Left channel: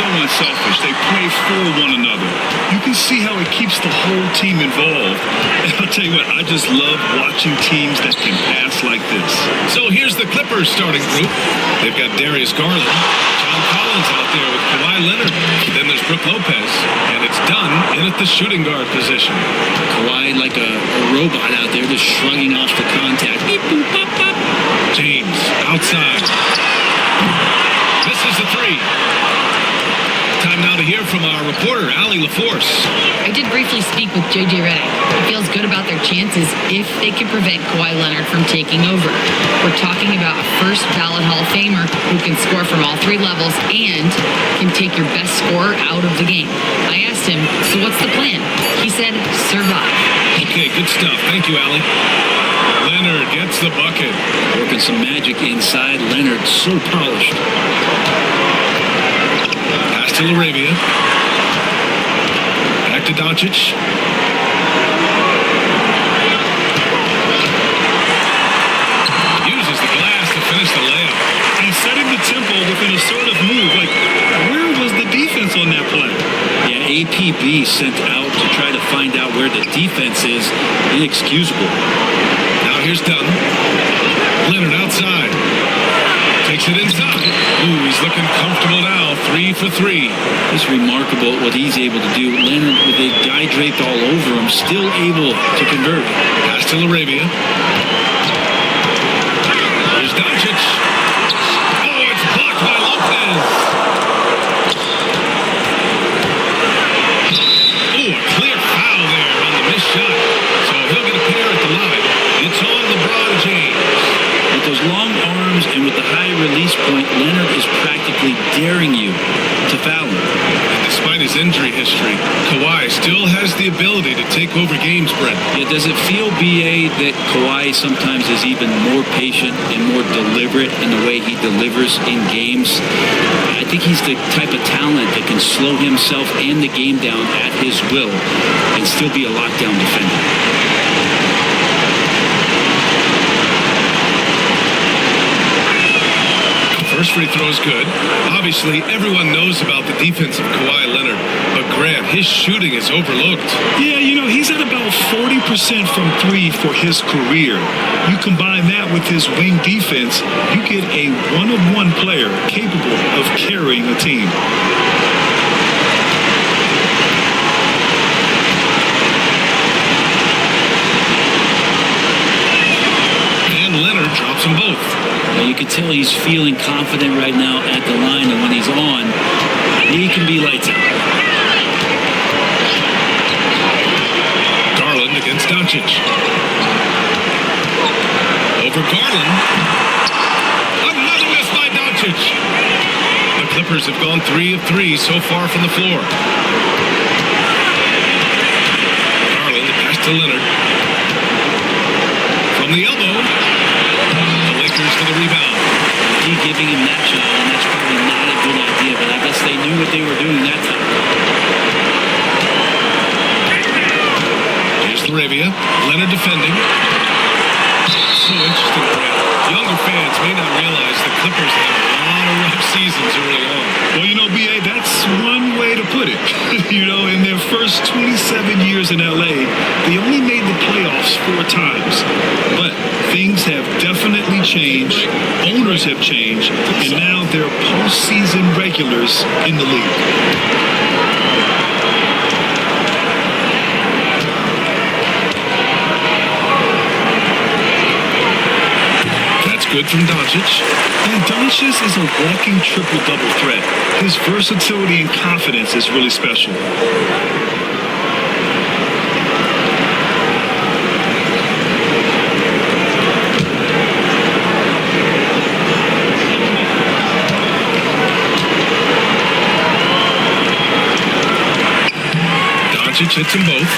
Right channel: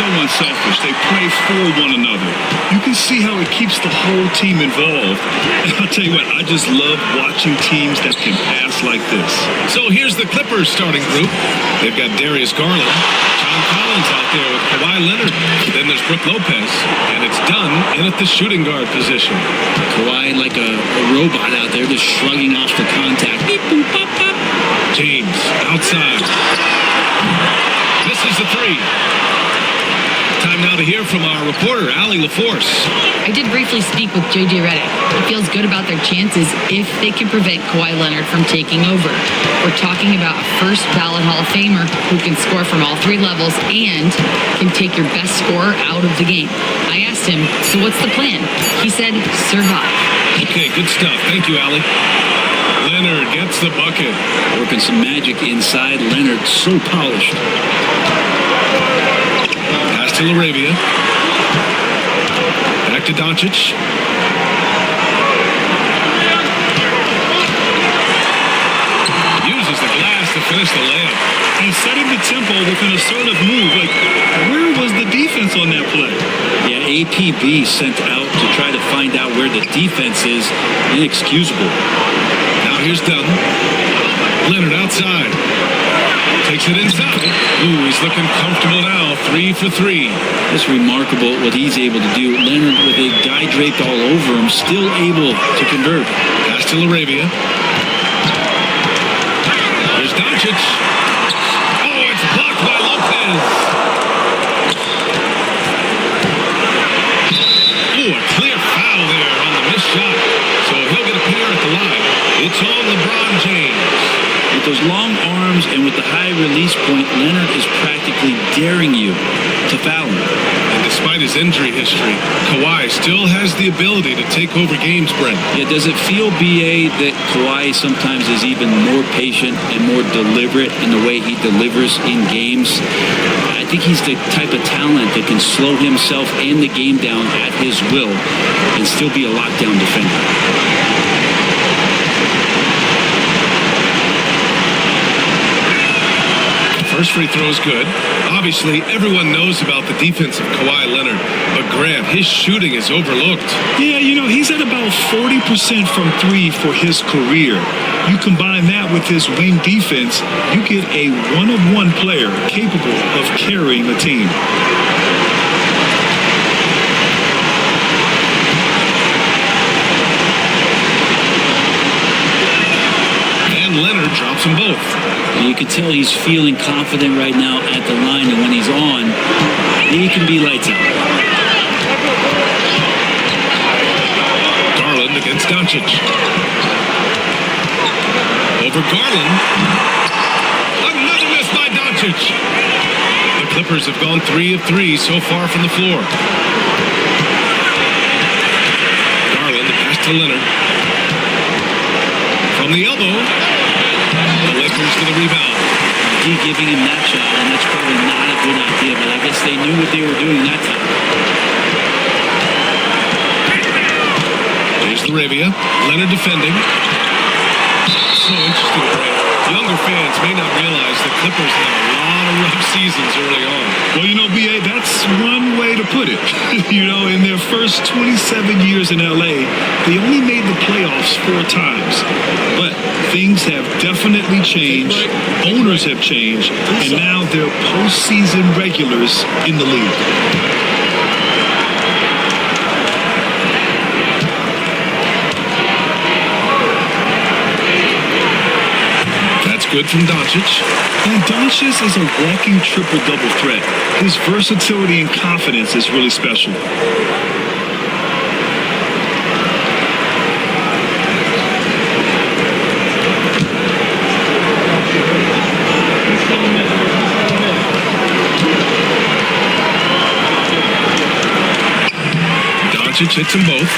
so unselfish. They play for one another. You can see how it keeps the whole team involved. And I'll tell you what, I just love watching teams that can pass like this. So here's the Clippers starting group. They've got Darius Garland, John Collins out there with Kawhi Leonard. Then there's Brook Lopez, and it's Dunn in at the shooting guard position. Kawhi like a robot out there, just shrugging off the contact. Beep, boop, pop, pop. James outside. Misses the three. Time now to hear from our reporter, Allie LaForce. I did briefly speak with J.J. Redick. He feels good about their chances if they can prevent Kawhi Leonard from taking over. We're talking about a first ballot Hall of Famer who can score from all three levels and can take your best scorer out of the game. I asked him, so what's the plan? He said, survive. Okay, good stuff. Thank you, Allie. Leonard gets the bucket. Working some magic inside. Leonard so polished. Pass to LaRavia. Back to Dončić. Uses the glass to finish the layup. And setting the tempo with an assertive move. Like, where was the defense on that play? Yeah, APB sent out to try to find out where the defense is. Inexcusable. Now here's Dunn. Leonard outside. Takes it inside. Ooh, he's looking comfortable now. 3 for 3. It's remarkable what he's able to do. Leonard, with a guy draped all over him, still able to convert. Pass to LaRavia. Here's Dončić. Oh, it's blocked by Lopez. Ooh, a clear foul there on the missed shot. So he'll get a pair at the line. It's on LeBron James. With those long arms and with the high release point, Leonard is practically daring you to foul him. And despite his injury history, Kawhi still has the ability to take over games, Brent. Yeah, does it feel, B.A., that Kawhi sometimes is even more patient and more deliberate in the way he delivers in games? I think he's the type of talent that can slow himself and the game down at his will and still be a lockdown defender. First free throw is good. Obviously, everyone knows about the defense of Kawhi Leonard, but Grant, his shooting is overlooked. Yeah, you know, he's at about 40% from three for his career. You combine that with his wing defense, you get a one-of-one player capable of carrying a team. And Leonard drops them both. You can tell he's feeling confident right now at the line, and when he's on, he can be lights out. Garland against Dončić. Over Garland. Another miss by Dončić. The Clippers have gone 3 of 3 so far from the floor. Garland, the pass to Leonard. From the elbow. The Lakers with a rebound. McGee giving him that shot, and that's probably not a good idea, but I guess they knew what they were doing that time. Here's LaRavia. Leonard defending. So interesting, Grant. Younger fans may not realize the Clippers had a lot of rough seasons early on. Well, you know, B.A., that's one way to put it. You know, in their first 27 years in L.A., they only made the playoffs 4 times. But things have definitely changed. Owners have changed. And now they're postseason regulars in the league. That's good from Dončić. And Dončić is a walking triple-double threat. His versatility and confidence is really special. Dončić hits them both.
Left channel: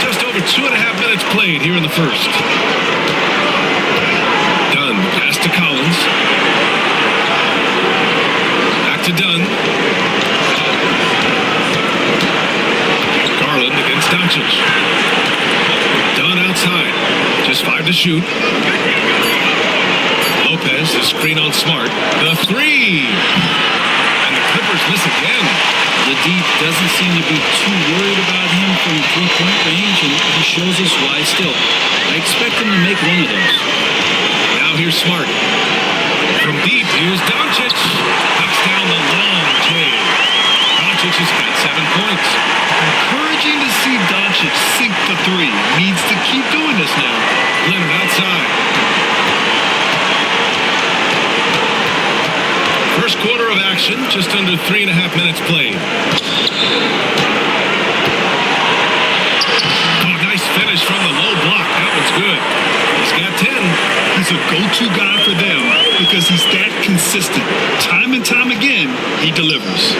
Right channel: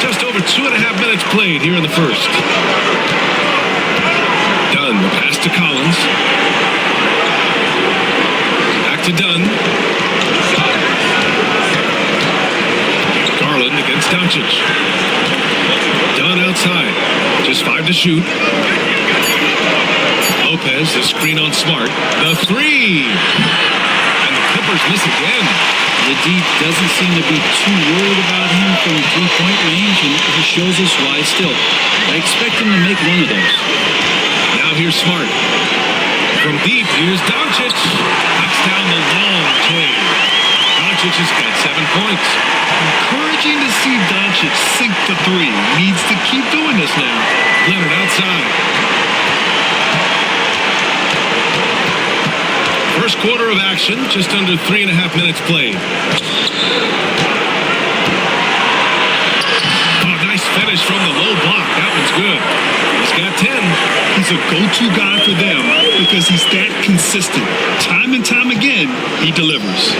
Just over 2.5 minutes played here in the first. Dunn, the pass to Collins. Back to Dunn. Garland against Dončić. Dunn outside. Just 5 to shoot. Lopez, the screen on Smart. The three. And the Clippers miss again. The D doesn't seem to be too worried about him from three-point range, and he shows us why still. I expect him to make one of those. Now here's Smart. From deep, here's Dončić. Knocks down the long K. Dončić has got 7 points. Encouraging to see Dončić sink the three. Needs to keep doing this now. Leonard outside. First quarter of action, just under 3.5 minutes played. Oh, nice finish from the low block. That one's good. He's got 10. He's a go-to guy for them because he's that consistent. Time and time again, he delivers.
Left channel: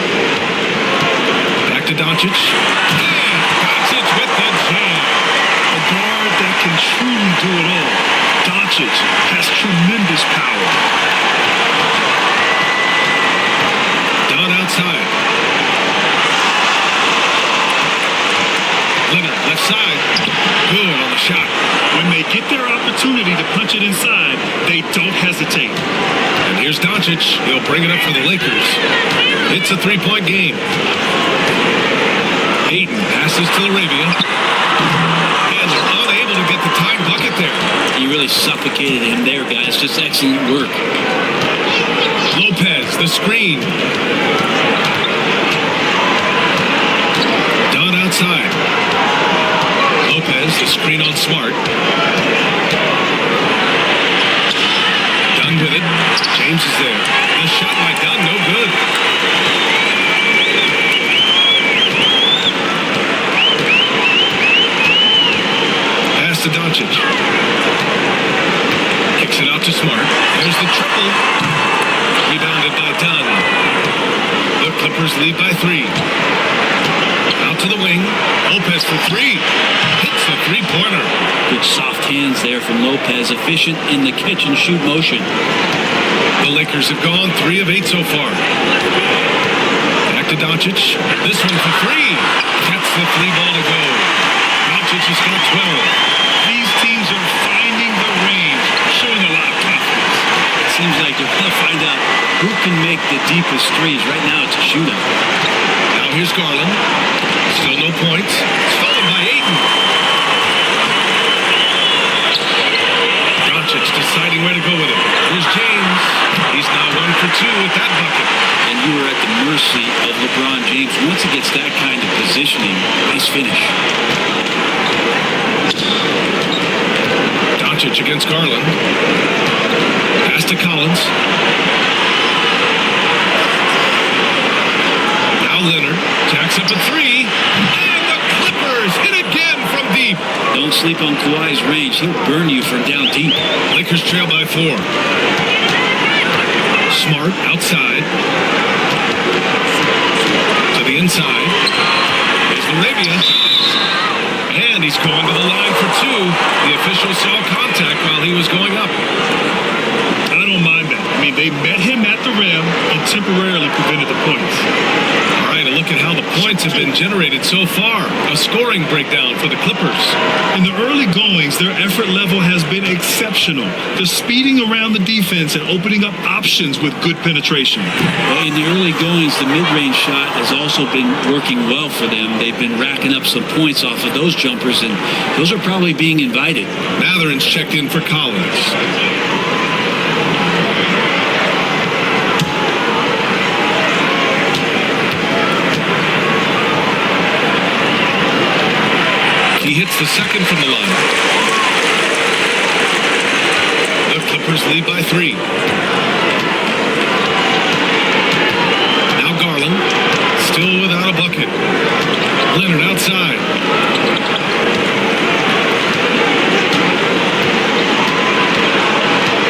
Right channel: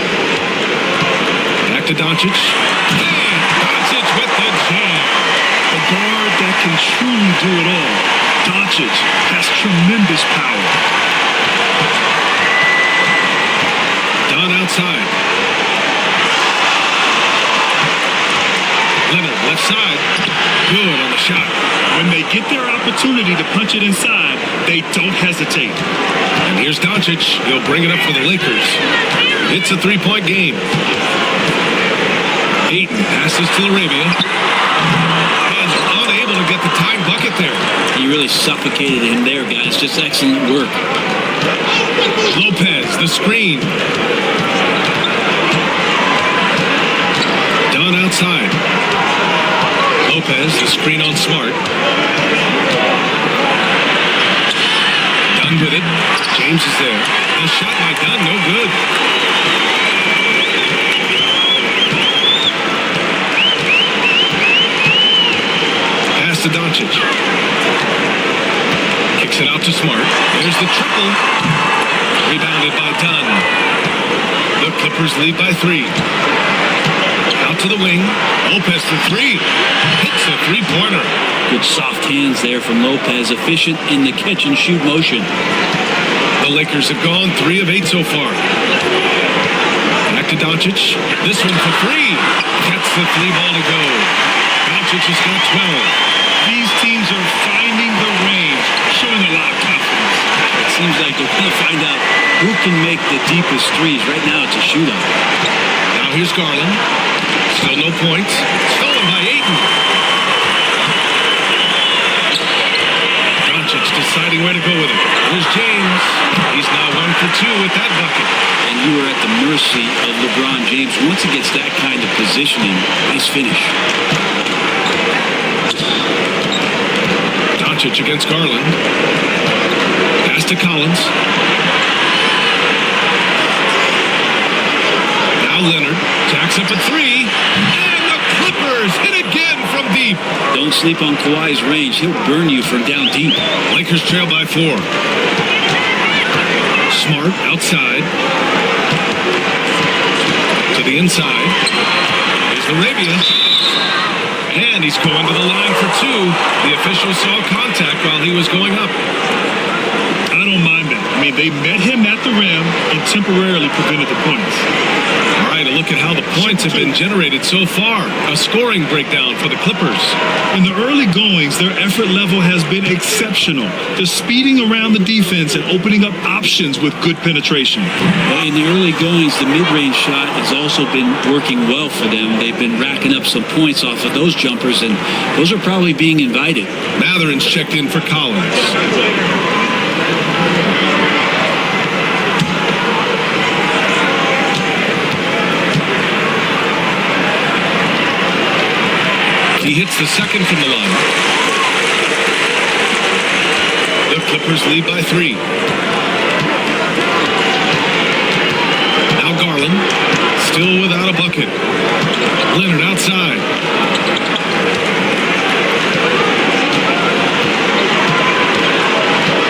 Back to Dončić. Hey, Dončić with the jam. A guard that can truly do it all. Dončić has tremendous power. Dunn outside. Leonard left side. Good on the shot. When they get their opportunity to punch it inside, they don't hesitate. And here's Dončić. He'll bring it up for the Lakers. It's a 3-point game. Ayton passes to Arabia. And they're unable to get the tying bucket there. He really suffocated him there, guys. Just excellent work. Lopez, the screen. Dunn outside. Lopez, the screen on Smart. Dunn with it. James is there. The shot by Dunn, no good. Pass to Dončić. Kicks it out to Smart. There's the triple. Rebounded by Dunn. The Clippers lead by 3. Out to the wing. Lopez for 3. Hits a three-pointer. Good soft hands there from Lopez. Efficient in the catch-and-shoot motion. The Lakers have gone 3 of 8 so far. Back to Dončić. This one for 3. Gets the 3-ball to go. Dončić has got 12. These teams are finding the range, showing a lot of confidence. It seems like they're going to find out who can make the deepest threes. Right now, it's a shootout. Now here's Garland. Still no points. Stolen by Ayton. Dončić deciding where to go with it. Here's James. He's now 1 for 2 with that bucket. And you are at the mercy of LeBron James. Once he gets that kind of positioning, nice finish. Dončić against Garland. Pass to Collins. Now Leonard jacks up a 3. And the Clippers hit again from deep. Don't sleep on Kawhi's range. He'll burn you from down deep. Lakers trail by 4. Smart outside. To the inside. Here's Arabia. And he's going to the line for 2. The official saw contact while he was going up. I don't mind that. I mean, they met him at the rim and temporarily prevented the points. All right, a look at how the points have been generated so far. A scoring breakdown for the Clippers. In the early goings, their effort level has been exceptional. They're speeding around the defense and opening up options with good penetration. Well, in the early goings, the mid-range shot has also been working well for them. They've been racking up some points off of those jumpers, and those are probably being invited. Matherin's checked in for Collins. He hits the second from the line. The Clippers lead by 3. Now Garland, still without a bucket. Leonard outside.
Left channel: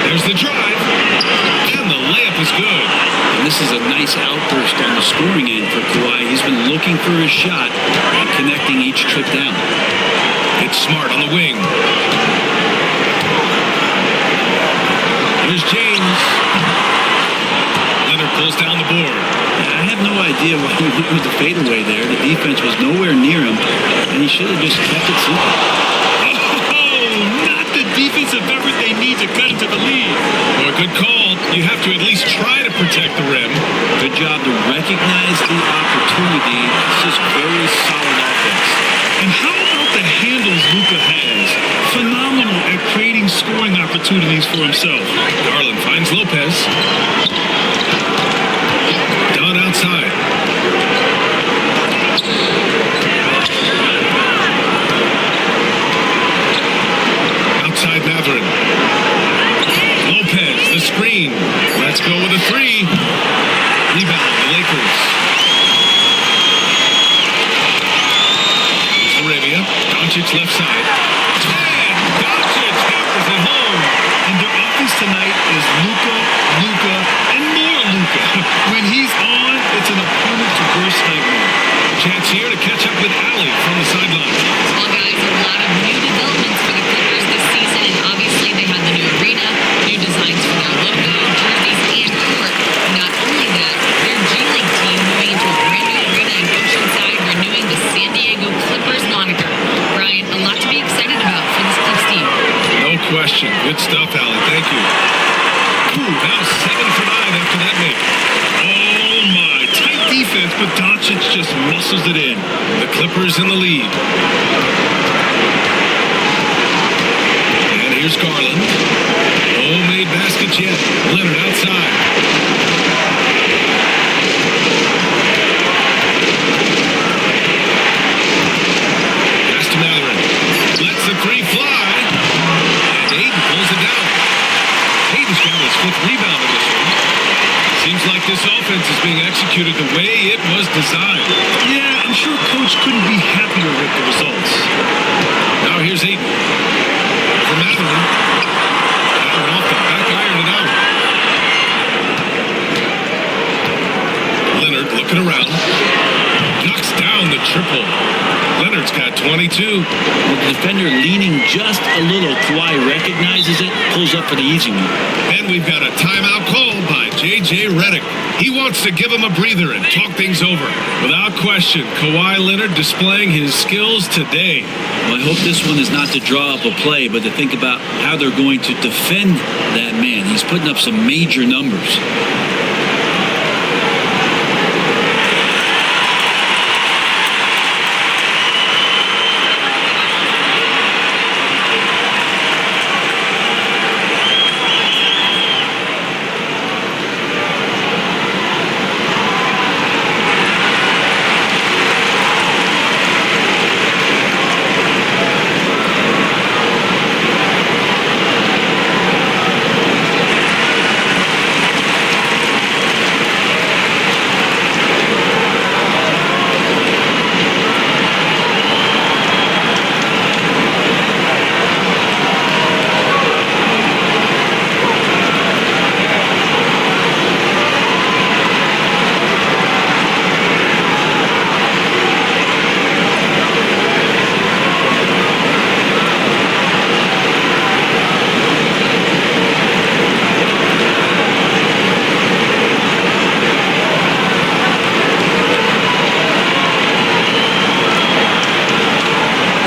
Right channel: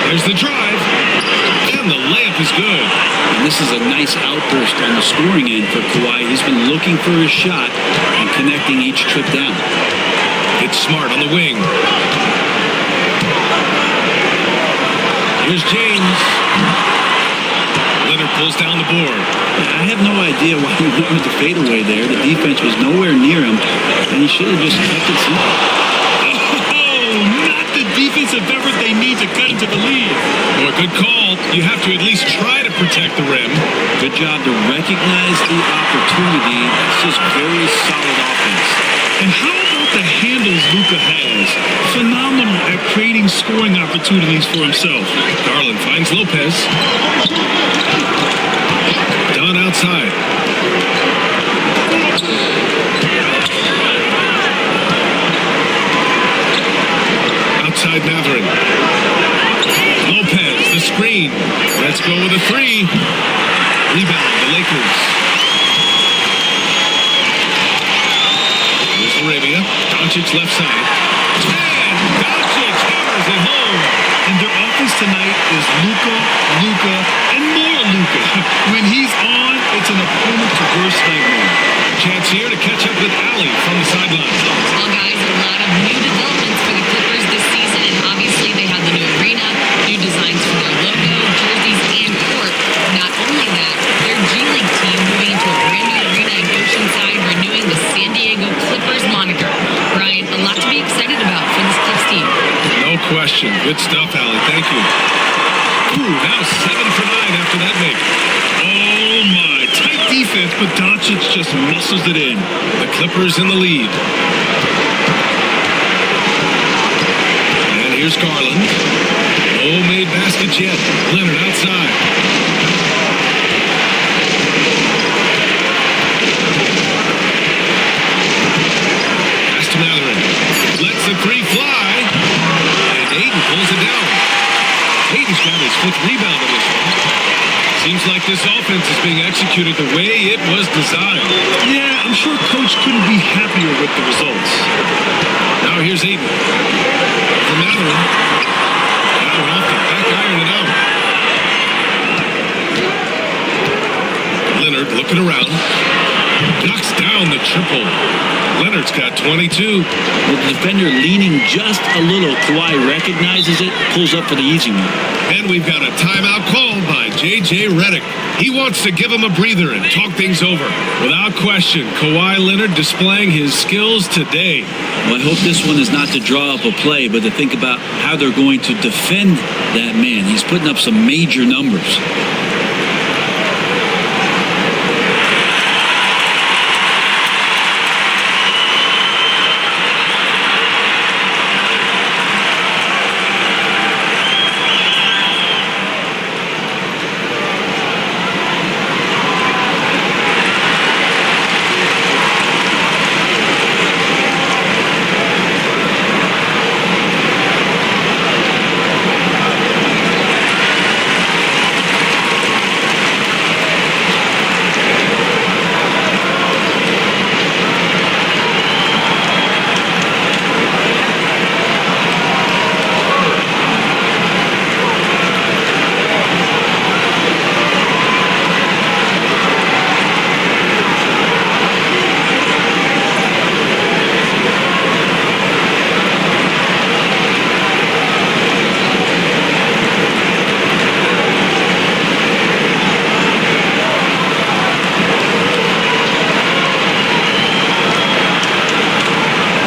There's the drive. And the layup is good. And this is a nice outburst on the scoring end for Kawhi. He's been looking for his shot and connecting each trip down. It's Smart on the wing. Here's James. Leonard pulls down the board. I have no idea why he went with the fadeaway there. The defense was nowhere near him, and he should have just kept it simple. Oh, not the the defensive effort they need to cut into the lead. Boy, good call. You have to at least try to protect the rim. Good job to recognize the opportunity. That's just very solid offense. And how about the handles Luka has? Phenomenal at creating scoring opportunities for himself. Garland finds Lopez. Dunn outside. Outside Matherin. Lopez, the screen. Let's go with a three. Rebound, the Lakers. Here's Arabia. Dončić left side. And Dončić hammers it home. And their offense tonight is Luka, and more Luka. When he's on, it's an opponent's worst nightmare. A chance here to catch up with Ali from the sidelines. Well, guys, a lot of new developments for the Clippers this season, and obviously they had the new arena, new designs for their logo, jerseys, and court. Not only that, their G League team moving into a brand new arena in Oceanside, renewing the San Diego Clippers moniker. Brian, a lot to be excited about for this Clips team. No question. Good stuff, Ali. Thank you. Ooh, now 7 for 9 after that make. Oh, my. Tight defense, but Dončić just muscles it in. The Clippers in the lead. And here's Garland. No made baskets yet. Leonard outside. Pass to Matherin. Lets the three fly. And Aiden pulls it down. Aiden's got his 5th rebound in this one. Seems like this offense is being executed the way it was designed. Yeah, I'm sure Coach couldn't be happier with the results. Now here's Aiden. Over Matherin. That one off the back iron and out. Leonard looking around. Knocks down the triple. Leonard's got 22. Well, the defender leaning just a little. Kawhi recognizes it, pulls up for the easy one. And we've got a timeout called by J.J. Redick. He wants to give him a breather and talk things over. Without question, Kawhi Leonard displaying his skills today. Well, I hope this one is not to draw up a play, but to think about how they're going to defend that man. He's putting up some major numbers.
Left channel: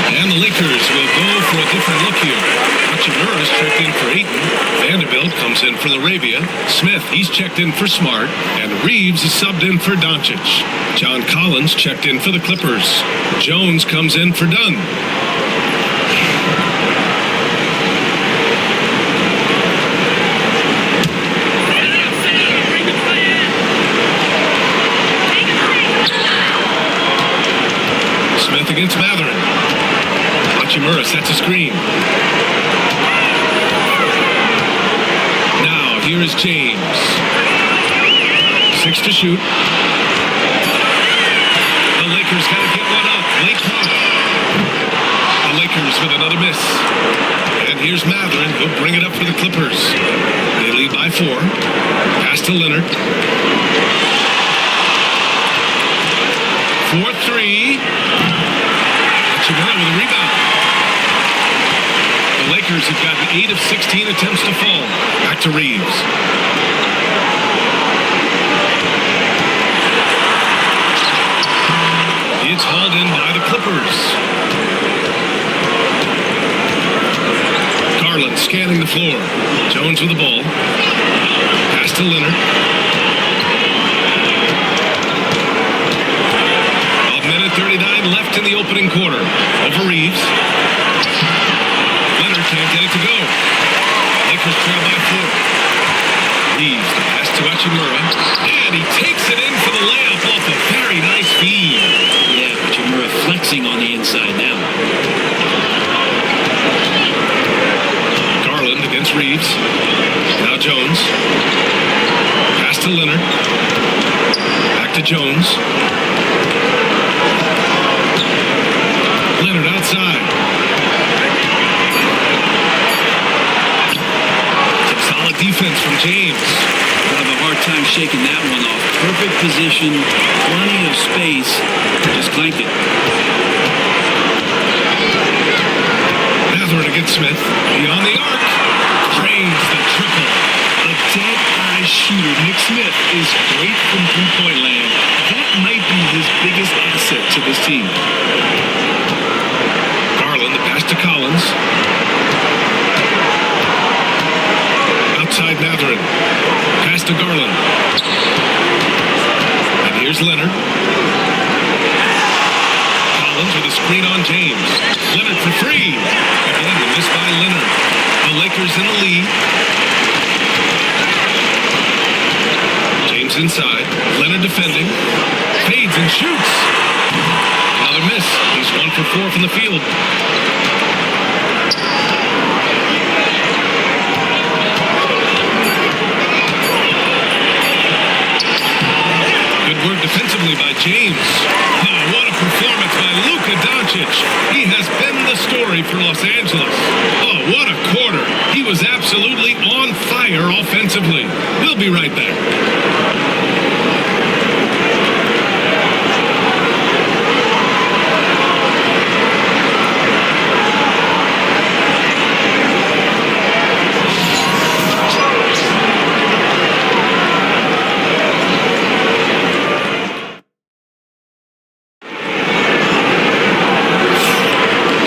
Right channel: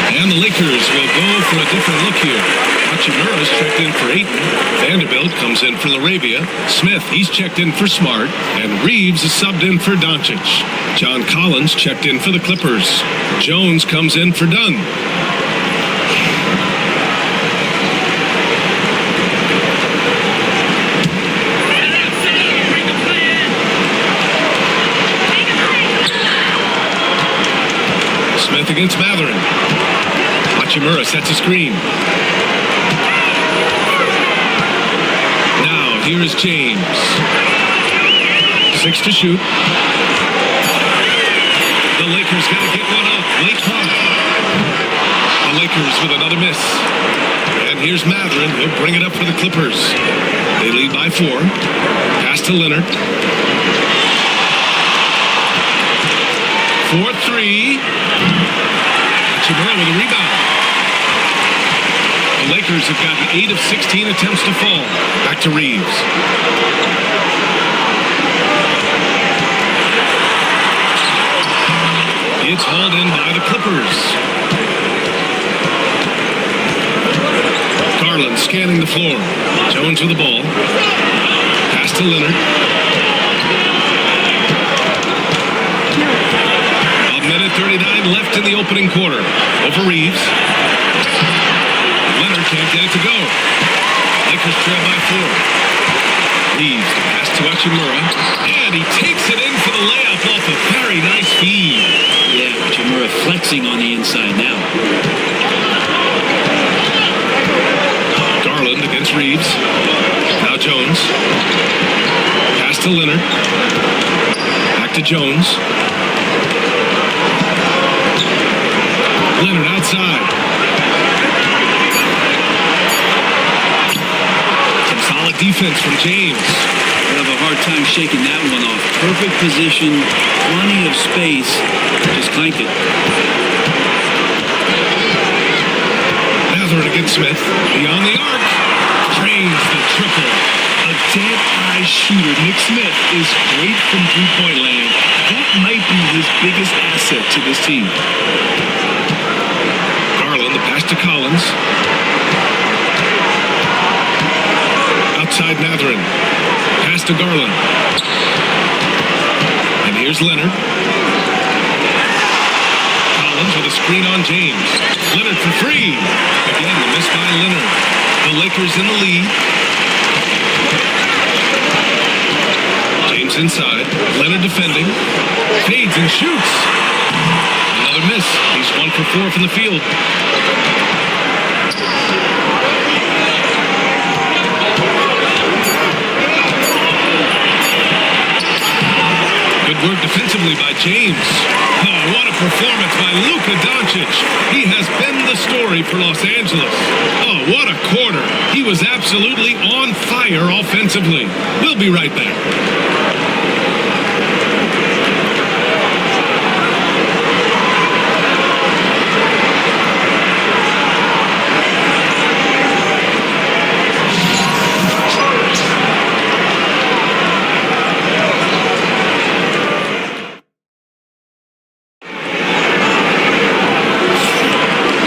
And the Lakers will go for a different look here. Hachimura's checked in for Ayton. Vanderbilt comes in for LaRavia. Smith, he's checked in for Smart. And Reeves is subbed in for Dončić. John Collins checked in for the Clippers. Jones comes in for Dunn. Smith against Matherin. Hachimura sets a screen. Now, here is James. 6 to shoot. The Lakers got to get one up. Late clock. The Lakers with another miss. And here's Matherin. He'll bring it up for the Clippers. They lead by 4. Pass to Leonard. 4-3. Hachimura with a rebound. The Lakers have gotten 8 of 16 attempts to fall. Back to Reeves. It's hauled in by the Clippers. Garland scanning the floor. Jones with the ball. Pass to Leonard. A minute 39 left in the opening quarter. Over Reeves. Leonard can't get it to go. Lakers trail by 4. Reeves, the pass to Hachimura. And he takes it in for the layup off a very nice feed. Yeah, Hachimura flexing on the inside now. Garland against Reeves. Now Jones. Pass to Leonard. Back to Jones. Leonard outside. Some solid defense from James. We'll have a hard time shaking that one off. Perfect position, plenty of space. Just clanked it. Mathurin against Smith. Beyond the arc. Drains the triple. A dead-eye shooter. Nick Smith is great from three-point land. That might be his biggest asset to this team. Garland, the pass to Collins. Outside Mathurin. Pass to Garland. And here's Leonard. Collins with a screen on James. Leonard for 3. Again, the miss by Leonard. The Lakers in the lead. James inside. Leonard defending. Fades and shoots. Another miss. He's 1 for 4 from the field. Good work defensively by James. Oh, what a performance by Luka Dončić. He has been the story for Los Angeles. Oh, what a quarter. He was absolutely on fire offensively. We'll be right back.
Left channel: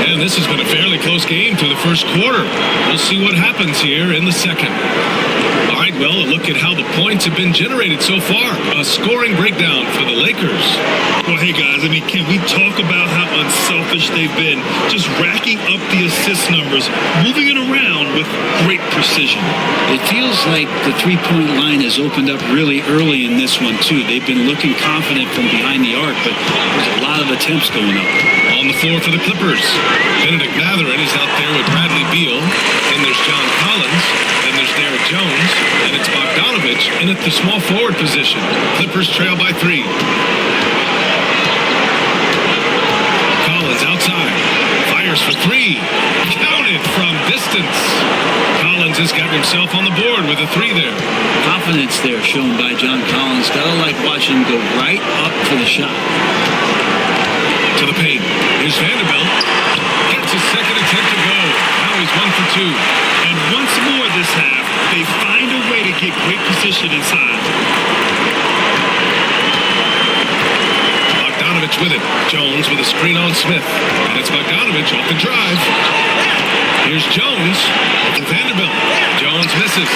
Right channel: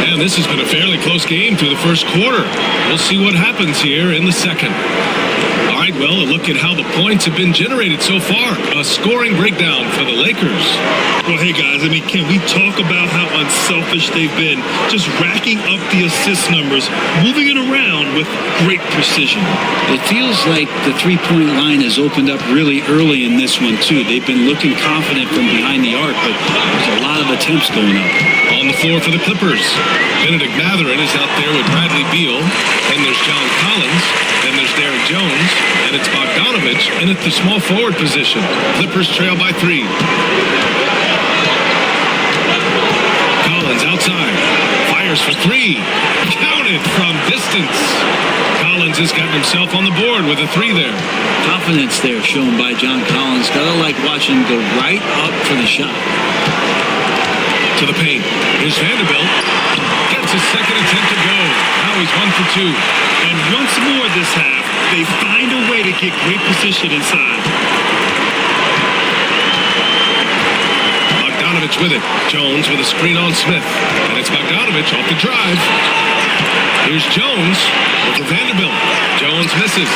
And this has been a fairly close game through the first quarter. We'll see what happens here in the second. All right, well, a look at how the points have been generated so far. A scoring breakdown for the Lakers. Well, hey, guys, I mean, can we talk about how unselfish they've been? Just racking up the assist numbers, moving it around with great precision. It feels like the three-point line has opened up really early in this one, too. They've been looking confident from behind the arc, but there's a lot of attempts going up. On the floor for the Clippers, Benedict Mathurin is out there with Bradley Beal. Then there's John Collins. Then there's Derek Jones. And it's Bogdanovich in at the small forward position. Clippers trail by 3. Collins outside. Fires for 3. Counted from distance. Collins has gotten himself on the board with a 3 there. Confidence there shown by John Collins. Gotta like watching him go right up for the shot. To the paint. Here's Vanderbilt. Gets his second attempt to go. Now he's 1 for 2. And once more this half, they find a way to get great position inside. Bogdanovich with it. Jones with a screen on Smith. And it's Bogdanovich off the drive. Here's Jones over Vanderbilt. Jones misses.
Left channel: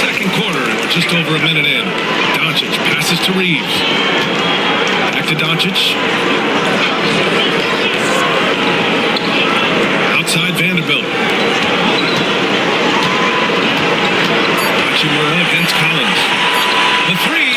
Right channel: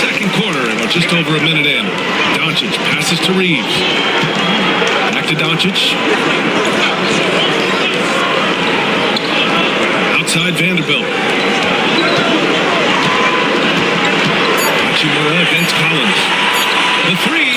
Second quarter, and we're just over a minute in. Dončić passes to Reeves. Back to Dončić. Outside Vanderbilt. Hachimura against Collins. The 3.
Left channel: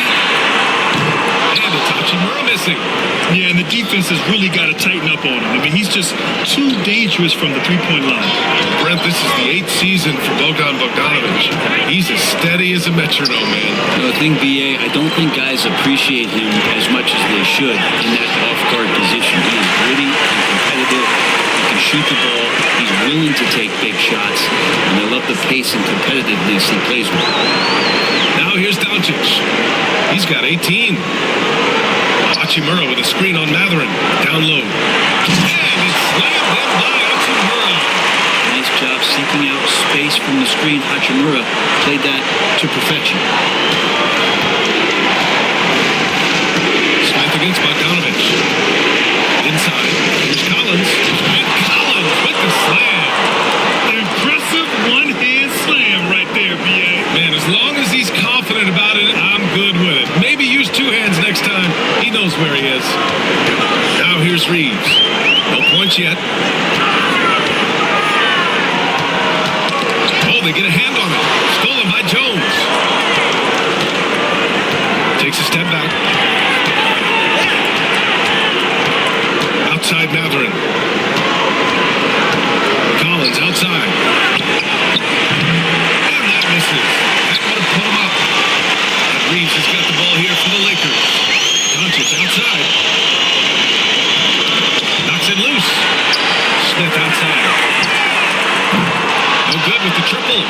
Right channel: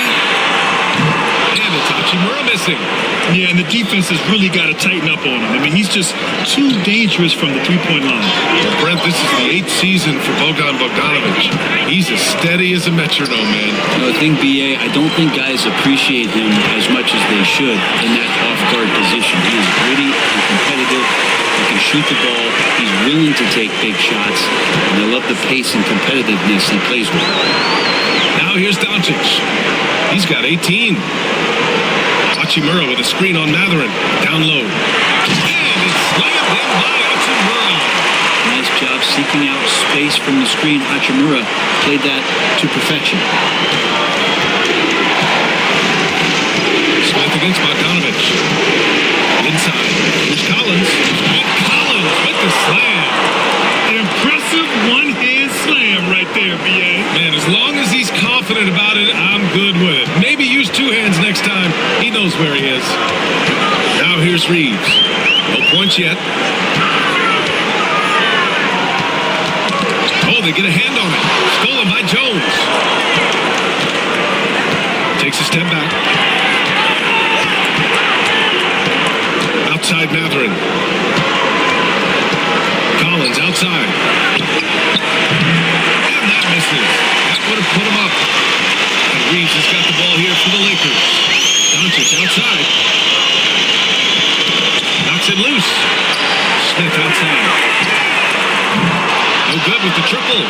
And it's Hachimura missing. Yeah, and the defense has really got to tighten up on him. I mean, he's just too dangerous from the three-point line. Well, Brent, this is the 8th season for Bogdanovich. He's as steady as a metronome, man. No, the thing, B.A., I don't think guys appreciate him as much as they should in that off-guard position. He is gritty and competitive. He can shoot the ball. He's willing to take big shots. And I love the pace and competitiveness he plays with. Now here's Dončić. He's got 18. Hachimura with a screen on Mathurin. Down low. And it's slammed in by Hachimura. Nice job seeking out space from the screen. Hachimura played that to perfection. Smith against Bogdanovich. Inside, here's Collins. And Collins with the slam. Impressive one-hand slam right there, B.A. Man, as long as he's confident about it, I'm good with it. Maybe use two hands next time. He knows where he is. Now here's Reeves. No points yet. Oh, they get a hand on it. Stolen by Jones. Takes a step back. Outside Matherin. Collins outside. And that misses. That would have put him up. And Reeves has got the ball here for the Lakers. Dončić outside. Knocks it loose. Smith outside. No good with the triple.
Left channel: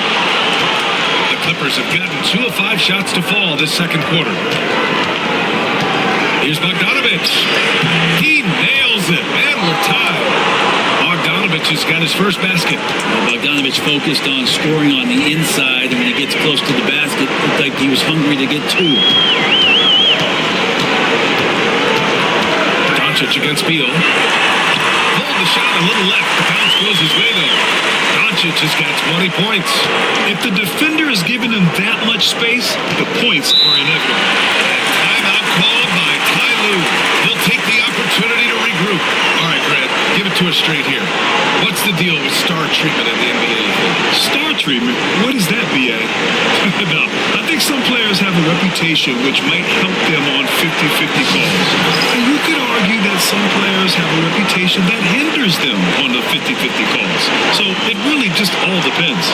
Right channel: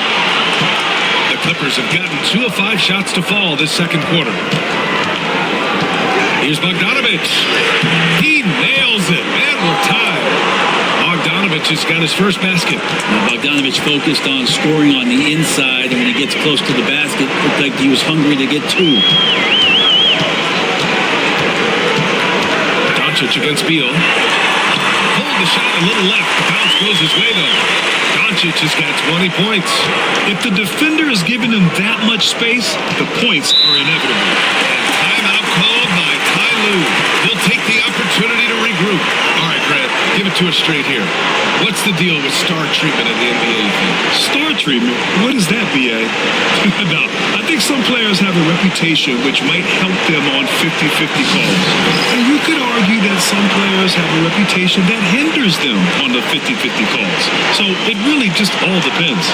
The Clippers have gotten 2 of 5 shots to fall this second quarter. Here's Bogdanović. He nails it, and we're tied. Bogdanović has got his first basket. Now Bogdanović focused on scoring on the inside, and when he gets close to the basket, it looked like he was hungry to get 2. Dončić against Beal. Pulled the shot a little left. The bounce goes his way, though. Dončić has got 20 points. If the defender is giving him that much space, the points are inevitable. And timeout called by Ty Lue. He'll take the opportunity to regroup. All right, Grant, give it to us straight here. What's the deal with star treatment in the NBA, you think? Star treatment? What is that, B.A.? No, I think some players have a reputation which might help them on 50-50 calls. And you could argue that some players have a reputation that hinders them on the 50-50 calls. So it really just all depends.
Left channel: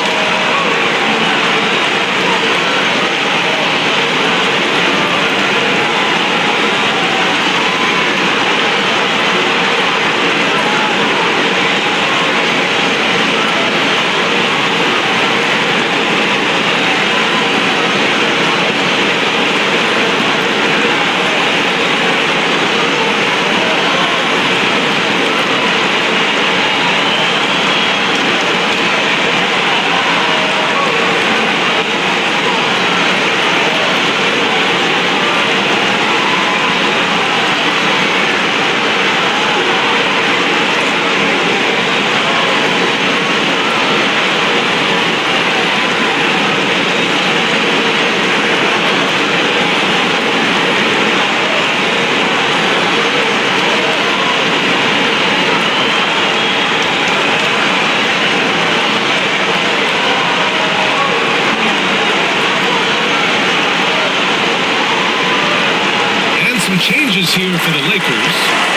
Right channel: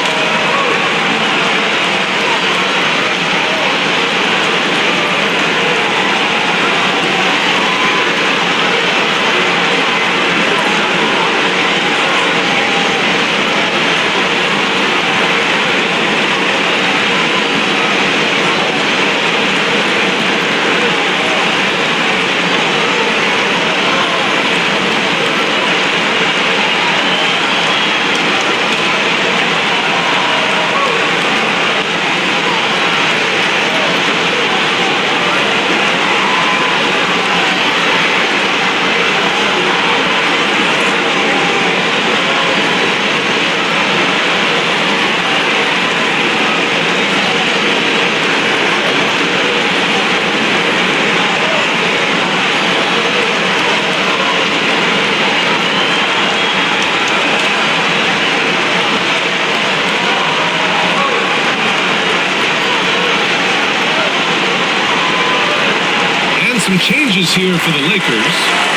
Some changes here for the Lakers.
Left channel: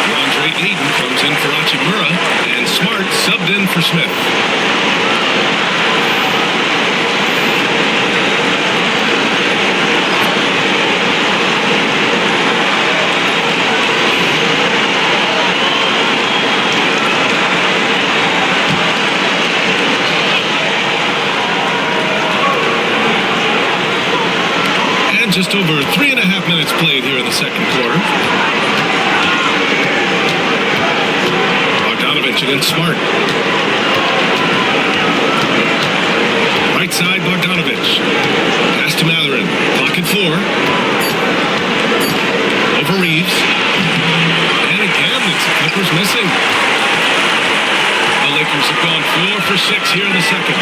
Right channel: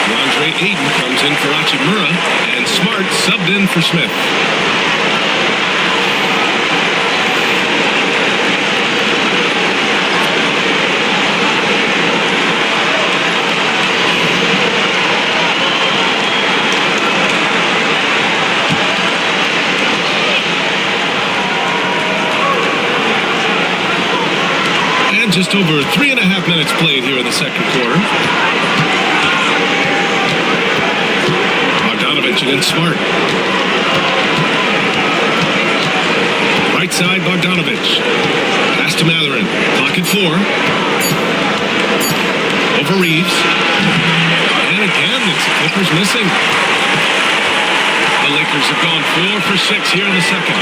DeAndre Ayton comes in for Hachimura, and Smart subbed in for Smith. And just over 3.5 minutes played here in the second quarter. Bogdanović against Smart. Right side, Bogdanović. Pass to Matherin. Clock at 4. Over Reeves. And again, it's the Clippers missing. The Lakers have gone 4 for 6 here in the second.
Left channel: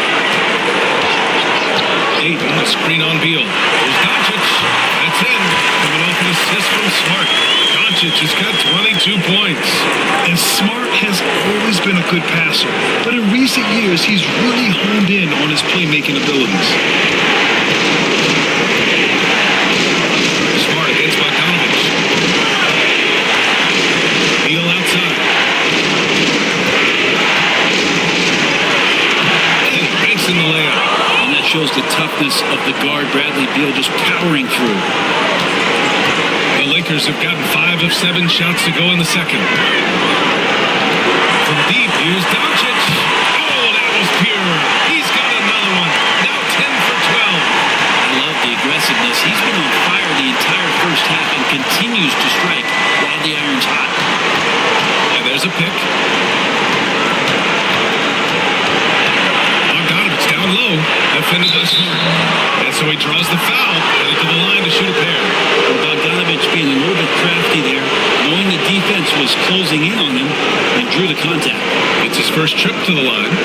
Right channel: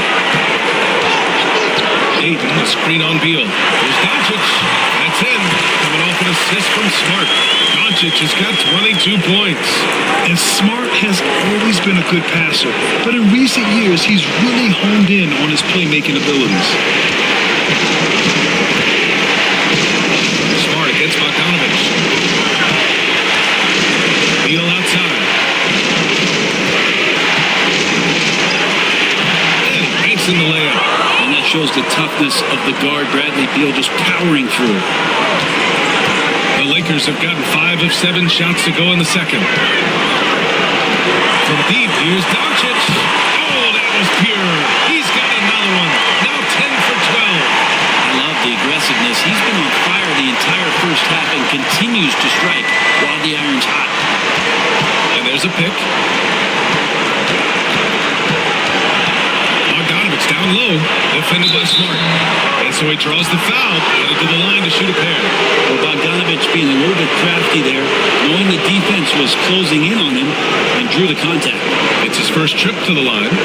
Ayton, a screen on Beal. Here's Dončić. That's in. Coming off an assist from Smart. Dončić has got 22 points. And Smart has always been a good passer, but in recent years, he's really honed in on his playmaking abilities. Smart against Bogdanović. Beal outside. And he banks in the layup. And that shows the toughness of the guard, Bradley Beal, just powering through. The Lakers have gotten 5 of 7 shots to go in the second. From deep, here's Dončić. Oh, that was pure. He's got another one. Now 10 for 12. I love the aggressiveness. He's been on fire the entire first half and continues to strike while the iron's hot. And there's a pick. Bogdanović It's down low, defended by Smart. And so he draws the foul, headed to the line to shoot a pair. Well, Bogdanovich being a little bit crafty there, knowing the defense was closing in on him, and drew the contact. It's his first trip to the line.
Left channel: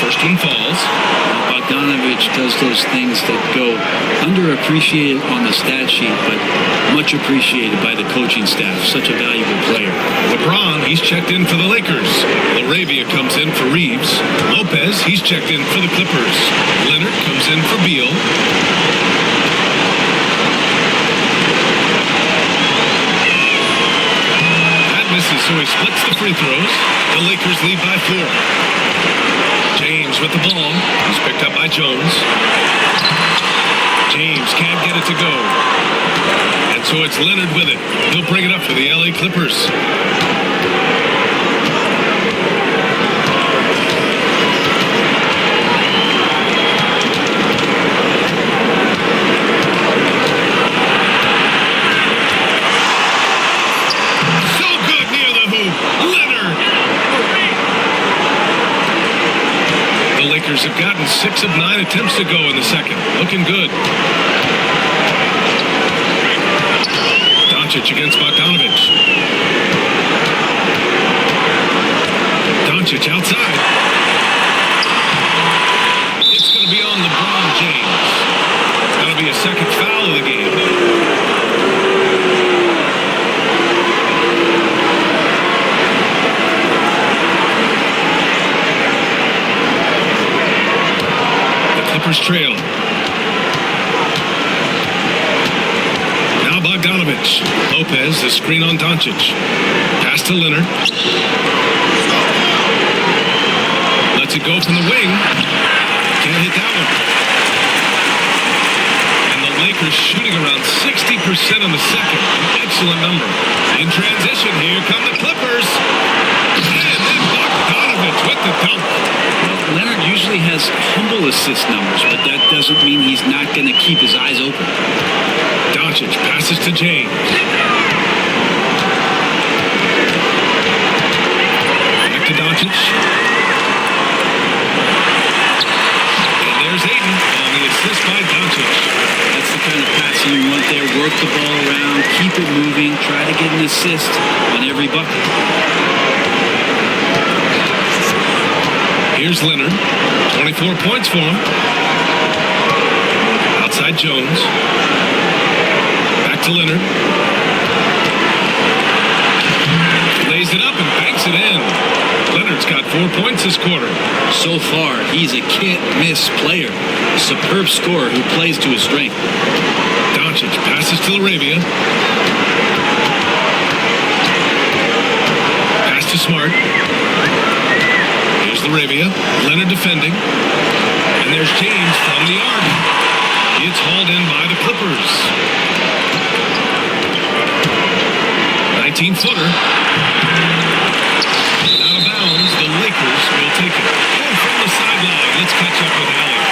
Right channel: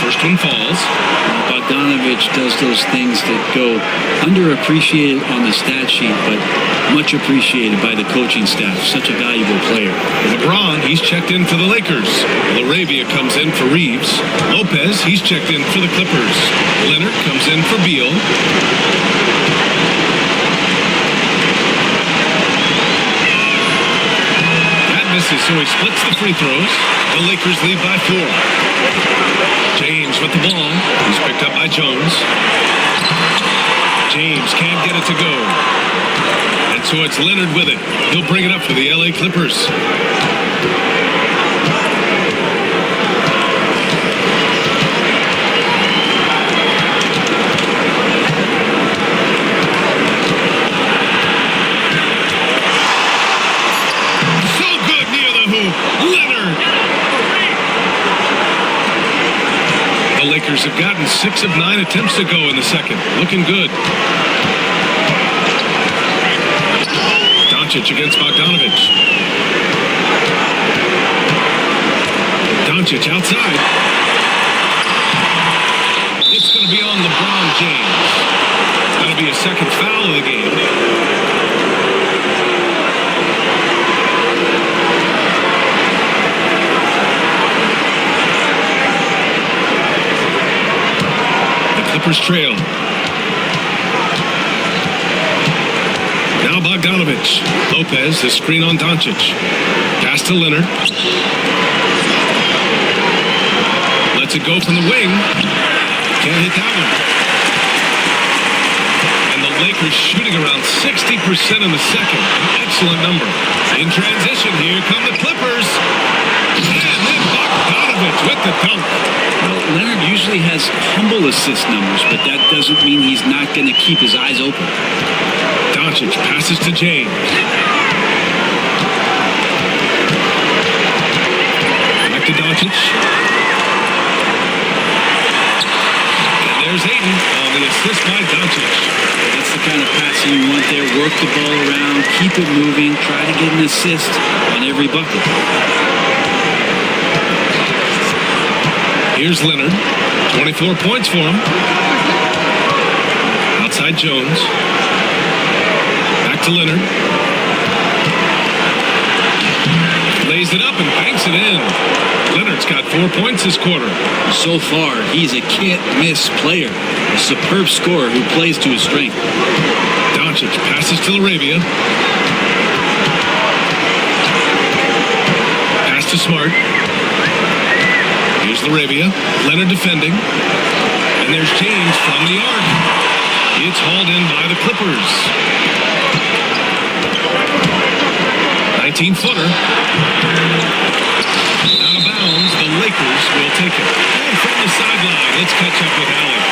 First one falls. Well, Bogdanovich does those things that go underappreciated on the stat sheet, but much appreciated by the coaching staff. Such a valuable player. LeBron, he's checked in for the Lakers. LaRavia comes in for Reeves. Lopez, he's checked in for the Clippers. Leonard comes in for Beal. That misses, so he splits the free throws. The Lakers lead by 4. James with the ball. He's picked up by Jones. James can't get it to go. And so it's Leonard with it. He'll bring it up for the LA Clippers. So good near the hoop. Leonard. The Lakers have gotten 6 of 9 attempts to go in the second. Looking good. Dončić against Bogdanovich. Dončić outside. It's going to be on LeBron James. That'll be a second foul of the game. The Clippers trail. Now Bogdanovich. Lopez, the screen on Dončić. Pass to Leonard. Lets it go from the wing. Can't hit that one. And the Lakers shooting around 60% in the second. An excellent number. In transition, here come the Clippers. And then Bogdanovich with the dunk. Well, Leonard usually has humble assist numbers, but that doesn't mean he's not going to keep his eyes open. Dončić passes to James. Back to Dončić. And there's Ayton on the assist by Dončić. That's the kind of passing you want there. Work the ball around, keep it moving, try to get an assist on every bucket. Here's Leonard. 24 points for him. Outside Jones. Back to Leonard. Lays it up and banks it in. Leonard's got 4 points this quarter. So far, he's a can't-miss player. A superb scorer who plays to his strength. Dončić passes to LaRavia. Pass to Smart. Here's LaRavia. Leonard defending. And there's James from the arc. It's hauled in by the Clippers. 19-footer. Out of bounds. The Lakers will take it. And from the sideline, let's catch up with Allie.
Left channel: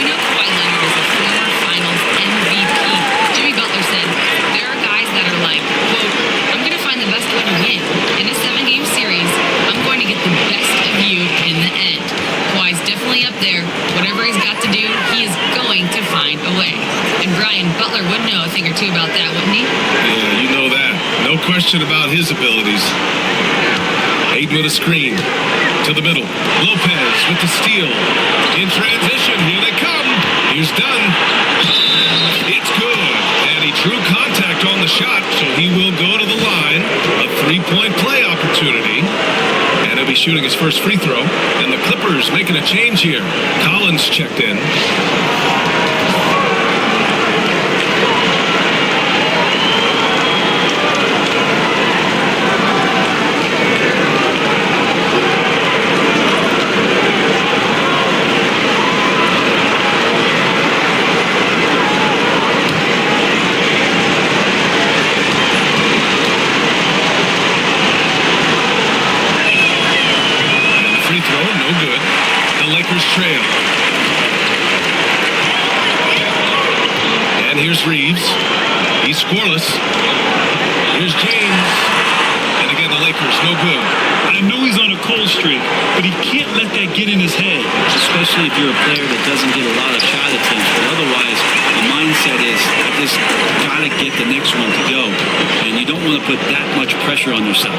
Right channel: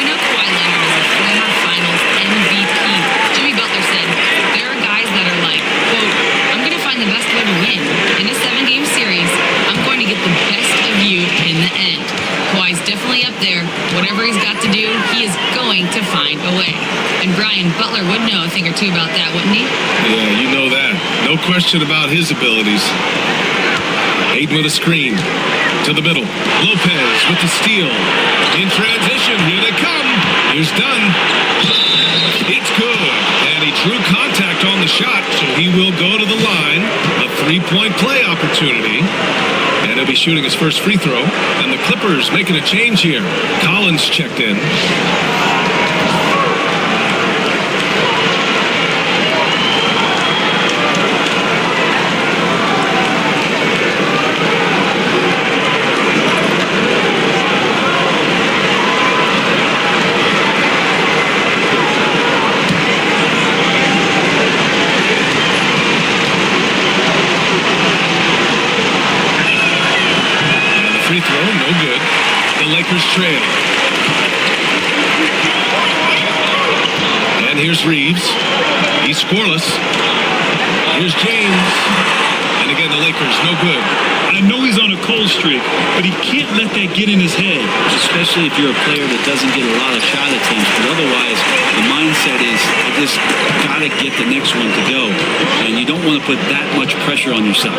We know Kawhi Leonard is a former Finals MVP. Jimmy Butler said, there are guys that are like, quote, I'm going to find the best way to win. In a 7-game series, I'm going to get the best of you in the end. Kawhi's definitely up there. Whatever he's got to do, he is going to find a way. And Brian Butler would know a thing or two about that, wouldn't he? Yeah, you know that. No question about his abilities. Ayton with a screen. To the middle. Lopez with the steal. In transition, here they come. Here's Dunn. It's good. And he drew contact on the shot, so he will go to the line. A 3-point play opportunity. And he'll be shooting his first free throw. And the Clippers making a change here. Collins checked in. Free free throw, no good. The Lakers trail. And here's Reeves. He's scoreless. Here's James. And again, the Lakers, no good. I know he's on a cold streak, but he can't let that get in his head. Especially if you're a player that doesn't get a lot of shot attempts. But otherwise, the mindset is, I just got to get the next one to go. And you don't want to put that much pressure on yourself.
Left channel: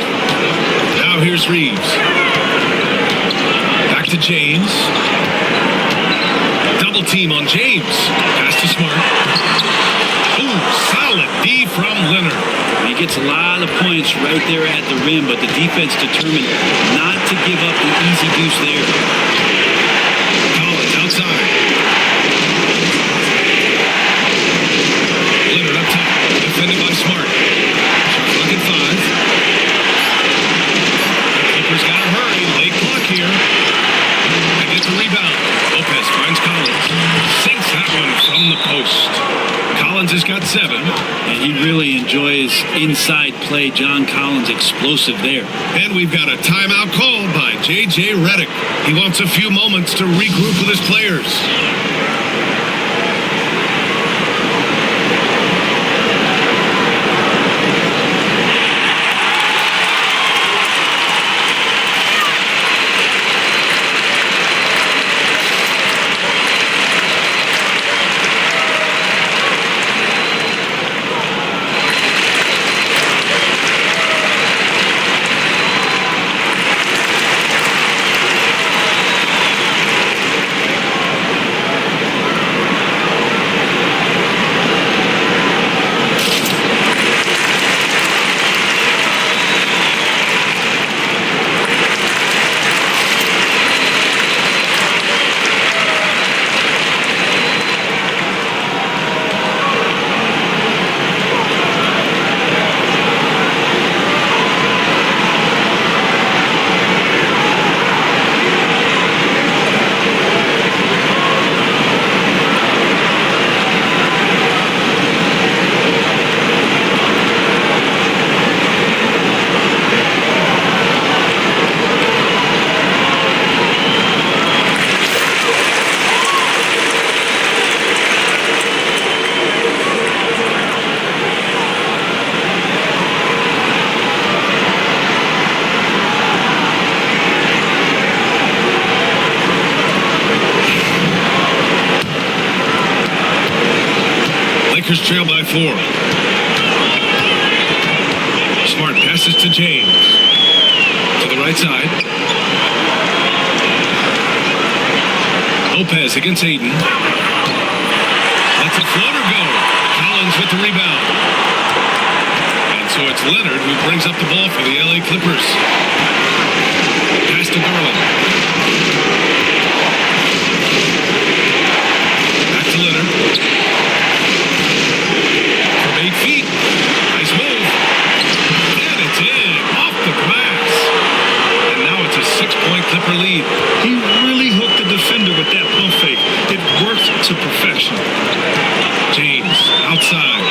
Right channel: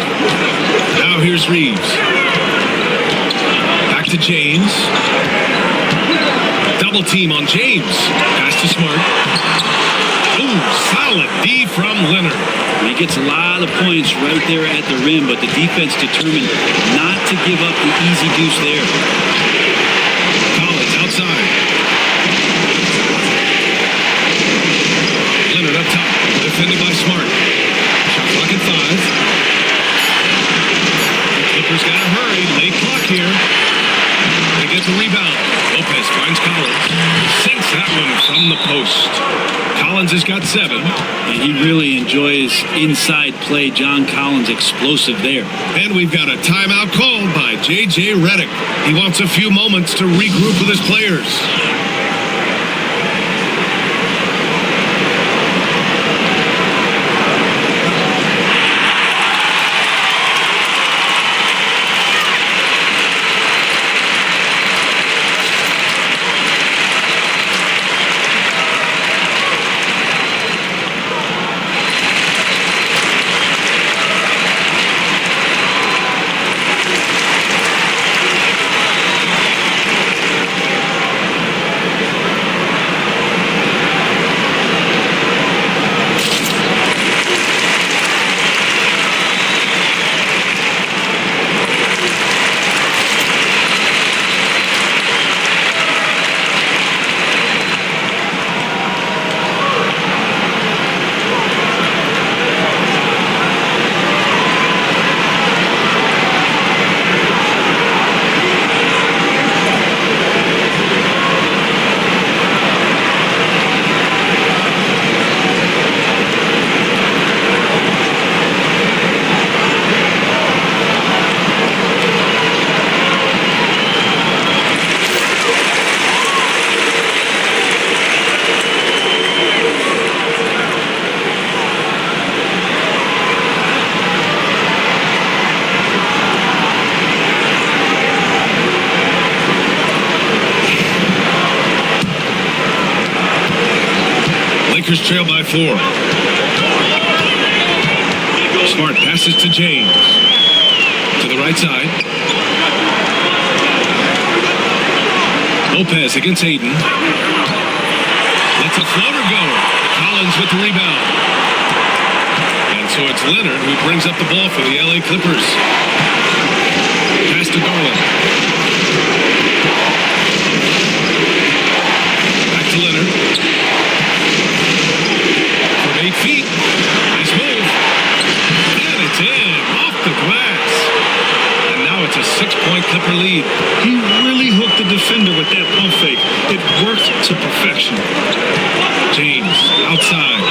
Now here's Reeves. Back to James. Double team on James. Pass to Smart. Ooh, solid D from Leonard. And he gets a lot of points right there at the rim, but the defense determined not to give up the easy deuce there. Collins outside. Leonard up top. Defended by Smart. Shot clock at 5. The Clippers got to hurry. Late clock here. They get the rebound. Lopez finds Collins. Sinks that one from the post. Collins has got 7. And he really enjoys inside play. John Collins explosive there. And we've got a timeout called by J.J. Redick. He wants a few moments to regroup with his players. Lakers trail by 4. Smart passes to James. To the right side. Lopez against Aiden. Lets a floater go. Collins with the rebound. And so it's Leonard who brings up the ball for the LA Clippers. Pass to Garland. Back to Leonard. From 8 feet. Nice move. And it's in. Off the glass. And now it's a 6-point Clipper lead. He really hooked the defender with that pump fake. It worked to perfection. James outside.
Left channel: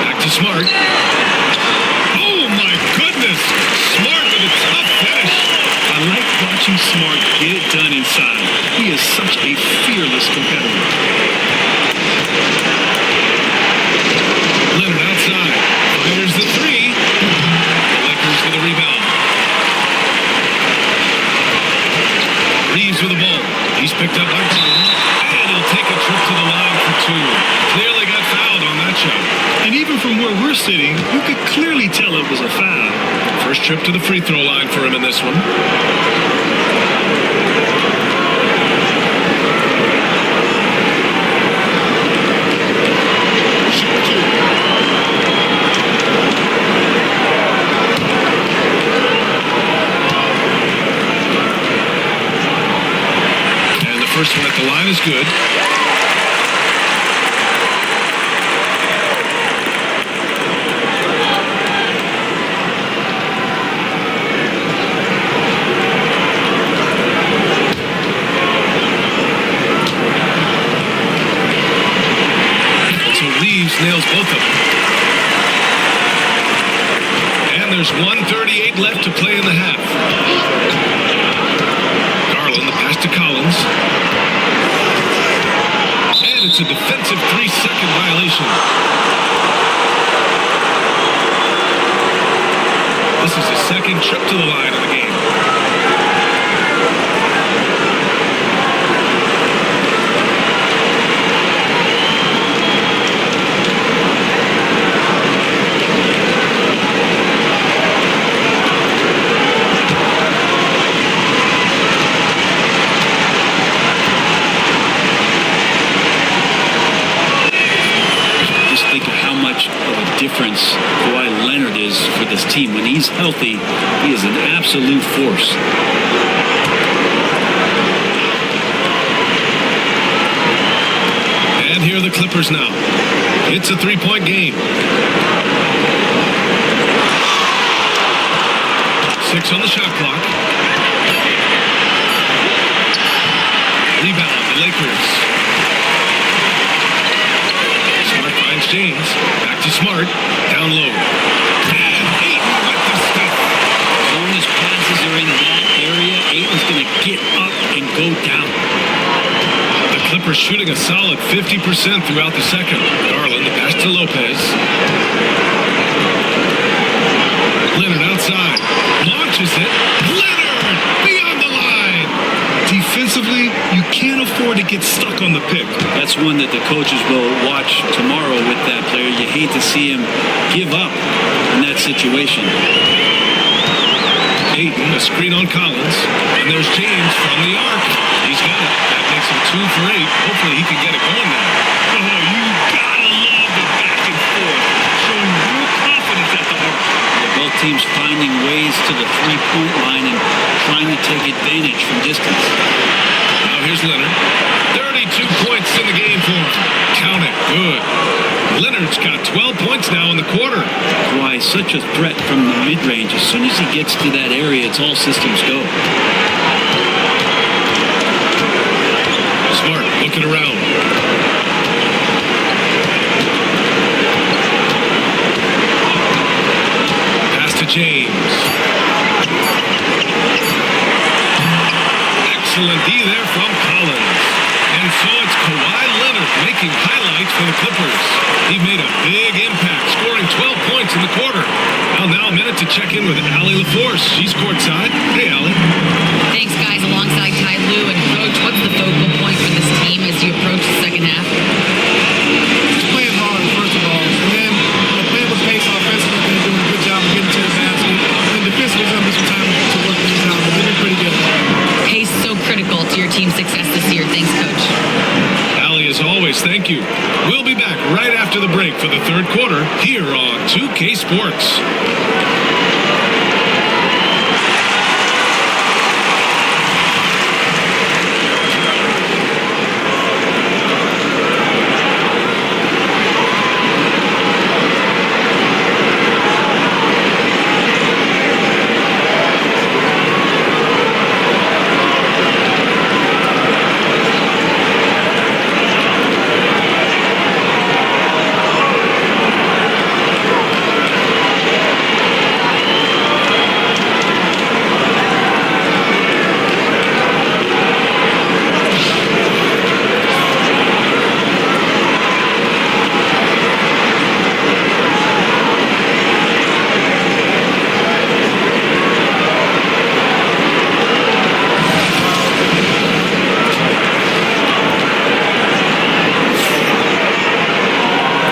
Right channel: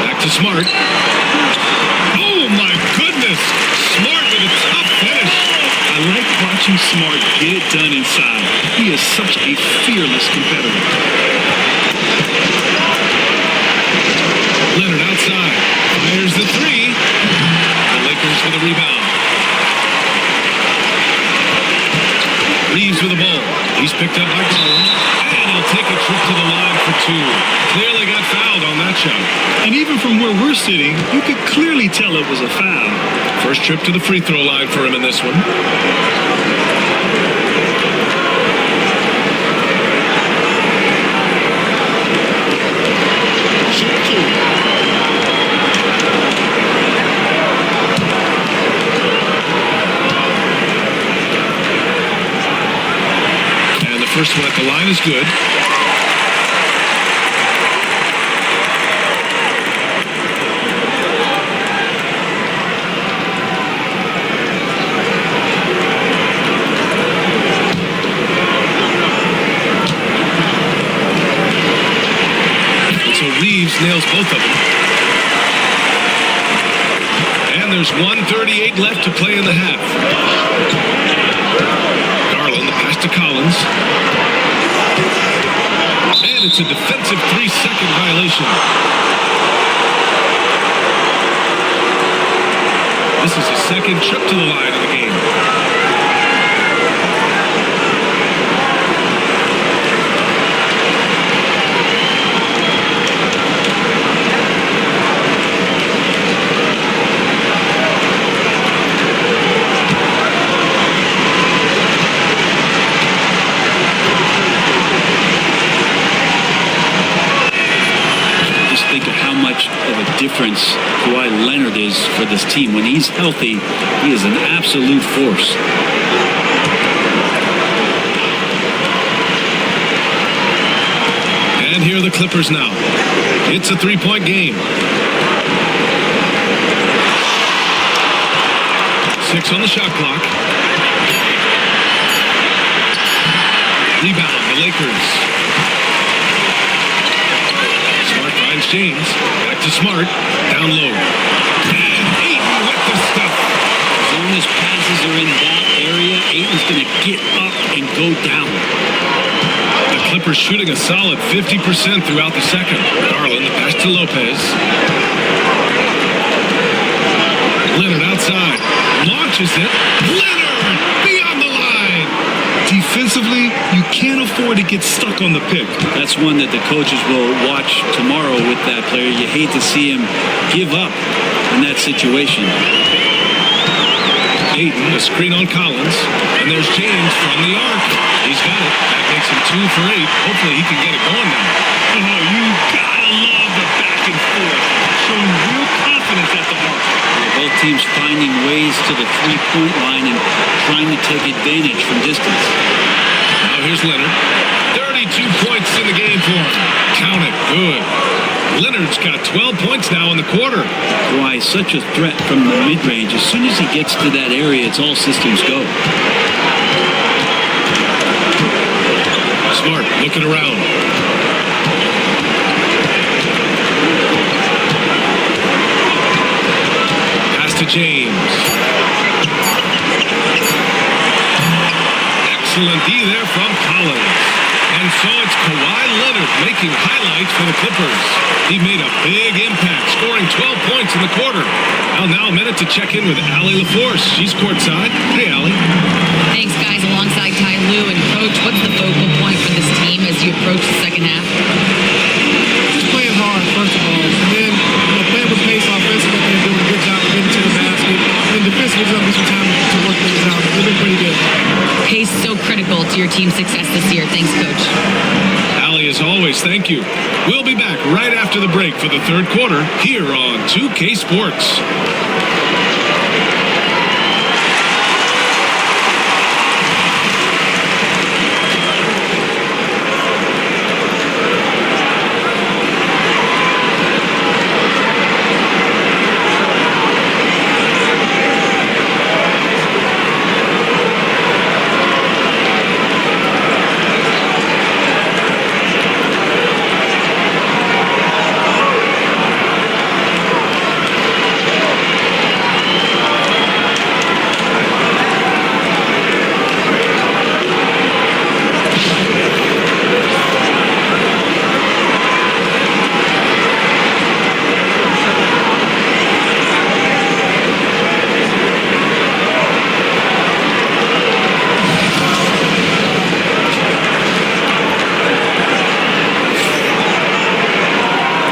Back to Smart. Oh my goodness. Smart with a tough finish. I like watching Smart get it done inside. He is such a fearless competitor. Leonard outside. Fires the 3. The Lakers with a rebound. Reeves with the ball. He's picked up by Garland. And he'll take a trip to the line for 2. Clearly got fouled on that shot. And even from where we're sitting, you could clearly tell it was a foul. First trip to the free throw line for him in this one. Shoot 2. And the first one at the line is good. And so Reeves nails both of them. And And there's 1:38 left to play in the half. Garland, the pass to Collins. And it's a defensive 3-second violation. This is his second trip to the line of the game. Think of how much of a difference Kawhi Leonard is for this team. When he's healthy, he is an absolute force. And here are the Clippers now. It's a 3-point game. 6 on the shot clock. Rebound, the Lakers. Smart finds James. Back to Smart. Down low. And Ayton with the stuff. As long as passes are in that area, Ayton's going to get up and go down. The Clippers shooting a solid 50% throughout the second. Garland, the pass to Lopez. Leonard outside. Launches it. Leonard beyond the line. Defensively, you can't afford to get stuck on the pick. That's one that the coaches will watch tomorrow with that player. You hate to see him give up in that situation. Ayton, a screen on Collins. And there's James from the arc. He's got it. That makes him 2 for 8. Hopefully he can get it going now. Oh, you gotta love the back and forth. Showing real confidence at the arc. Yeah, both teams finding ways to the three-point line and trying to take advantage from distance. Now here's Leonard. 32 points in the game for him. Count it. Good. Leonard's got 12 points now in the quarter. Kawhi, such a threat from the mid-range. As soon as he gets to that area, it's all systems go. Smart looking around. Pass to James. Excellent D there from Collins. And so it's Kawhi Leonard making highlights for the Clippers. He made a big impact, scoring 12 points in the quarter. Well, now a minute to check in with Allie LaForce. She's courtside. Hey, Allie. Thanks, guys. Alongside Ty Lue and Coach, what's the focal point for this team as you approach the second half? Just playing hard, first of all. And then playing with pace offensively. I think they're doing a good job of getting to the basket. And then defensively, there's going to be some time to work things out, but they've been pretty good. Pace so critical to your team's success this year. Thanks, Coach. Allie, as always, thank you. We'll be back right after the break for the third quarter here on 2K Sports.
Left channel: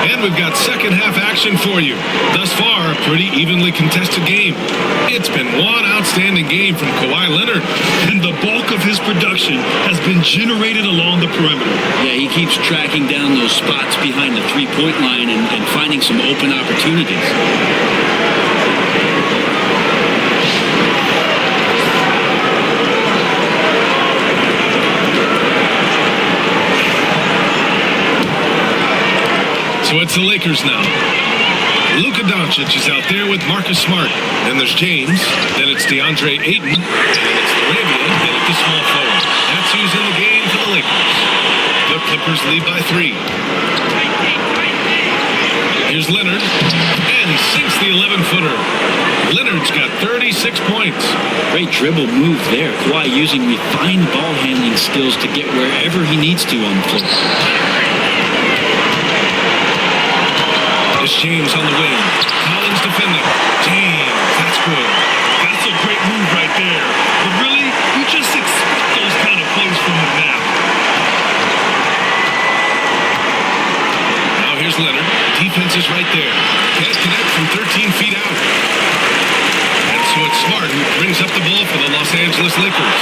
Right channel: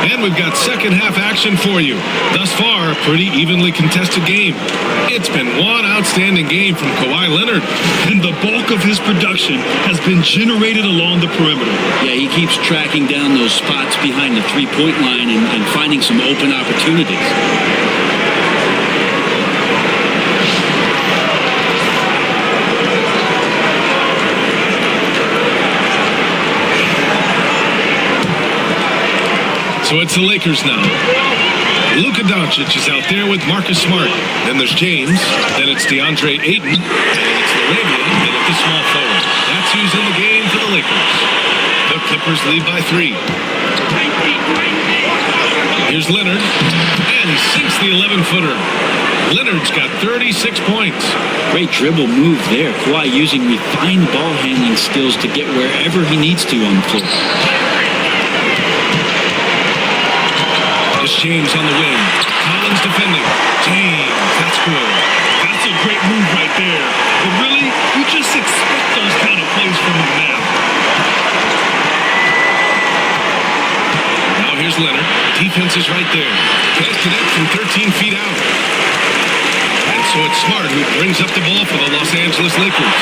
And we've got second half action for you. Thus far, a pretty evenly contested game. It's been one outstanding game from Kawhi Leonard. And the bulk of his production has been generated along the perimeter. Yeah, he keeps tracking down those spots behind the three-point line and finding some open opportunities. So it's the Lakers now. Luka Dončić is out there with Marcus Smart. Then there's James. Then it's DeAndre Ayton. And it's Laravia in at the small forward. That's who's in the game for the Lakers. The Clippers lead by 3. Here's Leonard. And he sinks the 11-footer. Leonard's got 36 points. Great dribble move there. Kawhi using refined ball handling skills to get wherever he needs to on the floor. It's James on the wing. Collins defending. James, that's good. That's a great move right there. But really, you just expect those kind of plays from him now. Now here's Leonard. Defense is right there. Can't connect from 13 feet out. And so it's Smart who brings up the ball for the Los Angeles Lakers.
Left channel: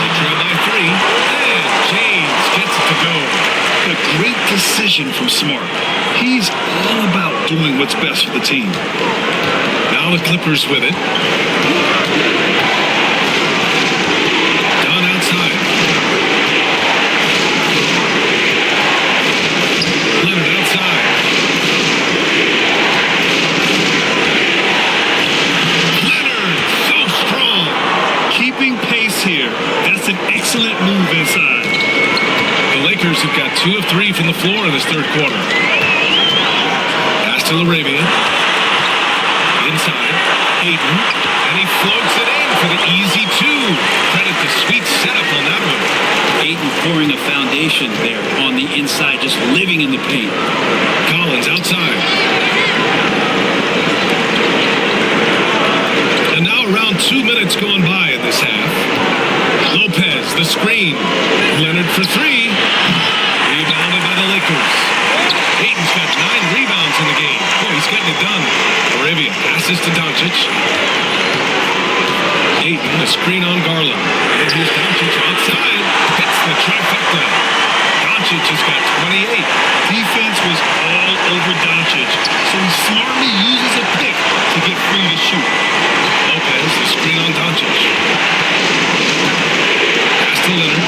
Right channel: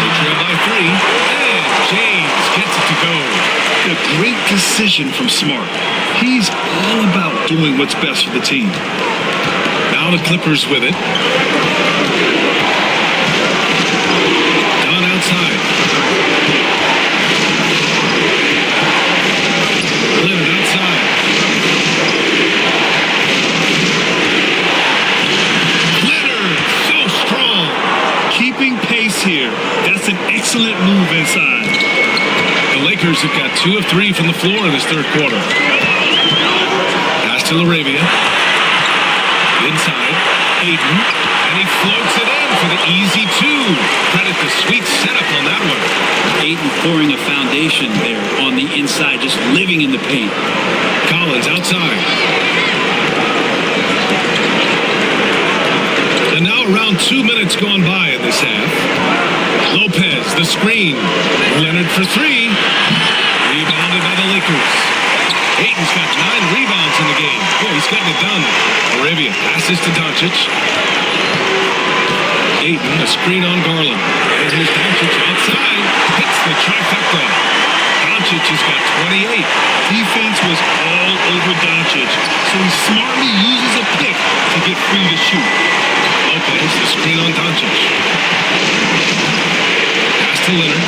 They trail by 3, and James gets it to go. A great decision from Smart. He's all about doing what's best for the team. Now the Clippers with it. Dunn outside. Leonard outside. Leonard, so strong. Keeping pace here. That's an excellent move inside. The Lakers have got 2 of 3 from the floor in this third quarter. Pass to LaRavia. Inside. Ayton. And he floats it in for the easy 2. Credit the sweet setup on that one. Ayton pouring a foundation there on the inside, just living in the paint. Collins outside. And now around 2 minutes gone by in this half. Lopez, the screen. Leonard for 3. Rebounded by the Lakers. Ayton's got 9 rebounds in the game. Boy, he's getting it done. LaRavia passes to Dončić. Ayton, a screen on Garland. And here's Dončić outside. Hits the trifecta. Dončić has got 28. Defense was all over Dončić, so he smartly uses a pick to get free to shoot. Lopez, the screen on Dončić. Pass to Leonard.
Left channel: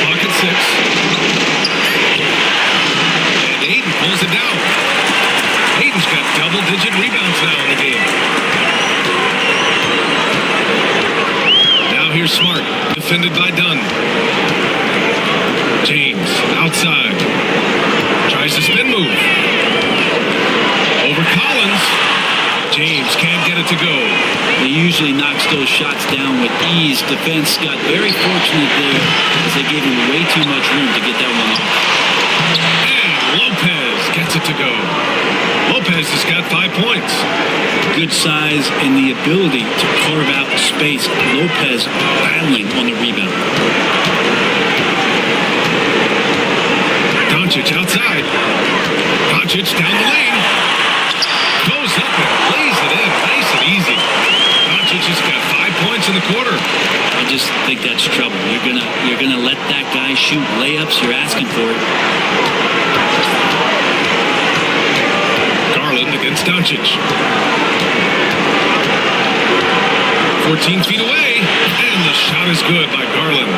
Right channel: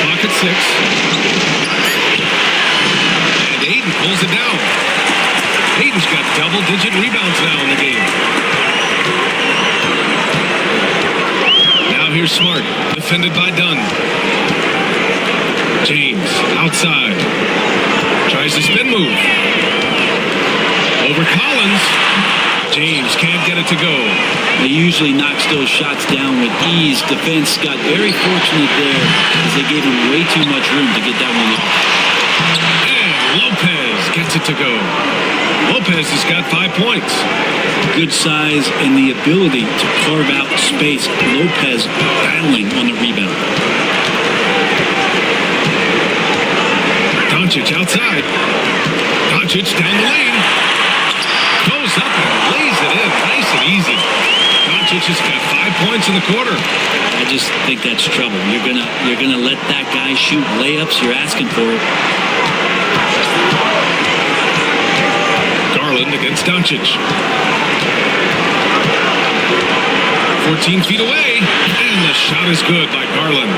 Clock at 6. And Ayton pulls it down. Ayton's got double-digit rebounds now in the game. Now here's Smart, defended by Dunn. James, outside. Tries the spin move. Over Collins. James can't get it to go. He usually knocks those shots down with ease. Defense got very fortunate there as they gave him way too much room to get that one off. And Lopez gets it to go. Lopez has got 5 points. Good size and the ability to carve out space. Lopez battling on the rebound. Dončić outside. Dončić down the lane. Goes up and lays it in. Nice and easy. Dončić has got 5 points in the quarter. I just think that's trouble. You're gonna let that guy shoot layups. You're asking for it. Garland against Dončić. 14 feet away, and the shot is good by Garland.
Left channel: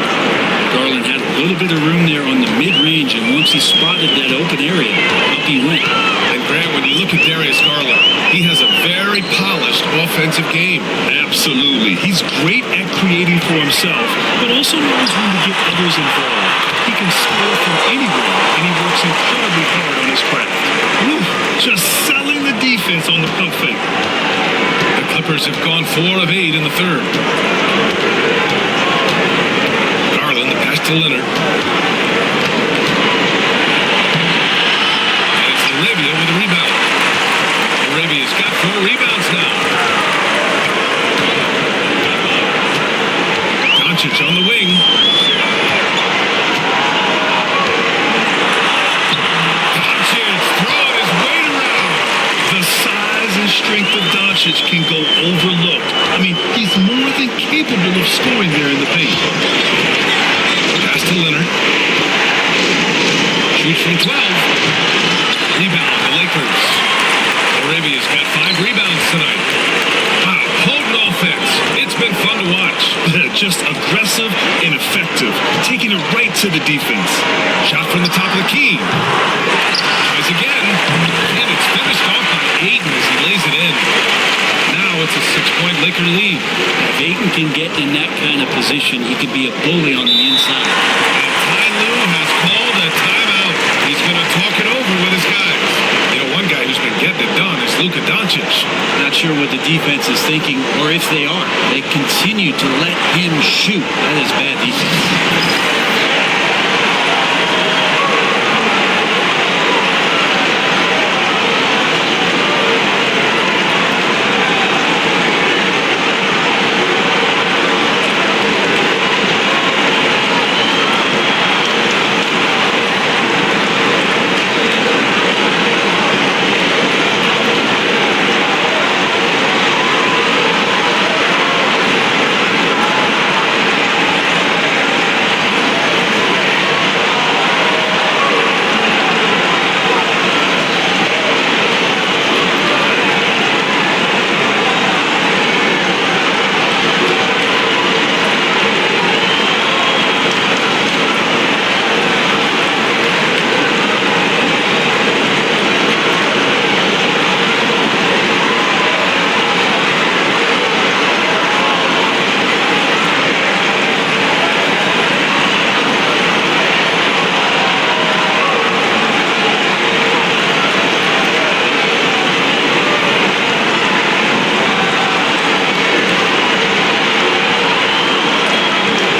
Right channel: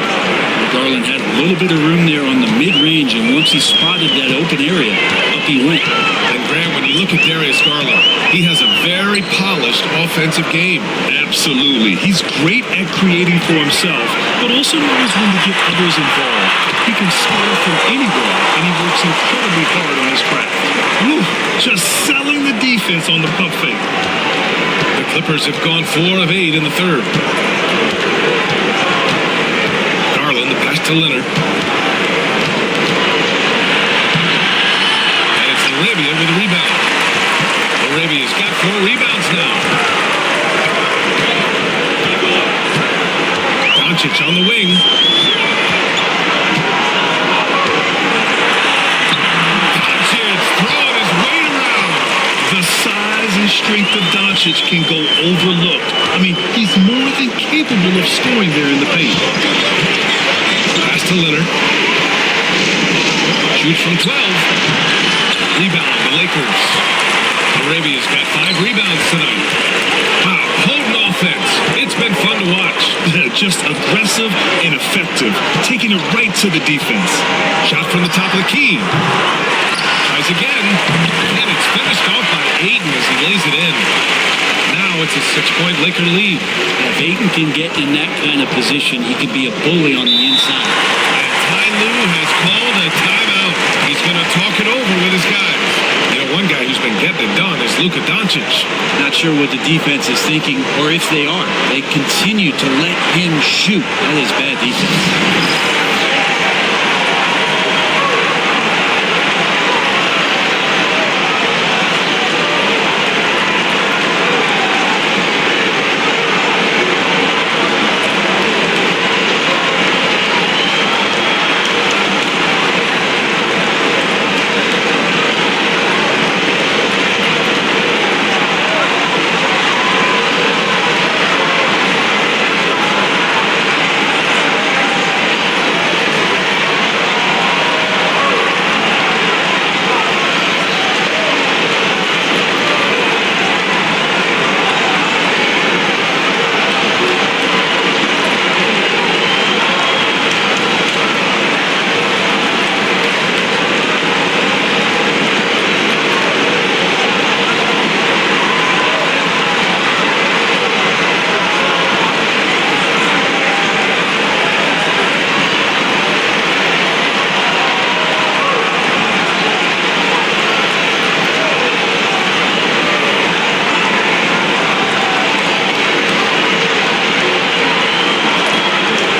Garland had a little bit of room there on the mid-range, and once he spotted that open area, up he went. And Grant, when you look at Darius Garland, he has a very polished offensive game. Absolutely. He's great at creating for himself, but also knows when to get others involved. He can score from anywhere, and he works incredibly hard on his craft. Woo, just selling the defense on the pump fake. The Clippers have gone 4 of 8 in the third. Garland, the pass to Leonard. And it's LaRavia with a rebound. LaRavia's got 4 rebounds now. Dončić on the wing. Dončić throwing his weight around. The size and strength of Dončić can go overlooked. I mean, he's more than capable of scoring there in the paint. Pass to Leonard. Shoots from 12. Rebound, the Lakers. LaRavia's got 5 rebounds tonight. Wow, potent offense. It's been fun to watch. Just aggressive and effective, taking it right to the defense. Shot from the top of the key. Tries again, and it's finished off by Ayton as he lays it in. Now it's a 6-point Laker lead. Yeah, if Ayton can get in that kind of position, he could be a bully on the inside. And Ty Lue has called a timeout. He's going to talk it over with his guys. You know, one guy who's been getting it done is Luka Dončić. Not sure what the defense is thinking, or if they are. They continue to let him shoot. That is bad defense.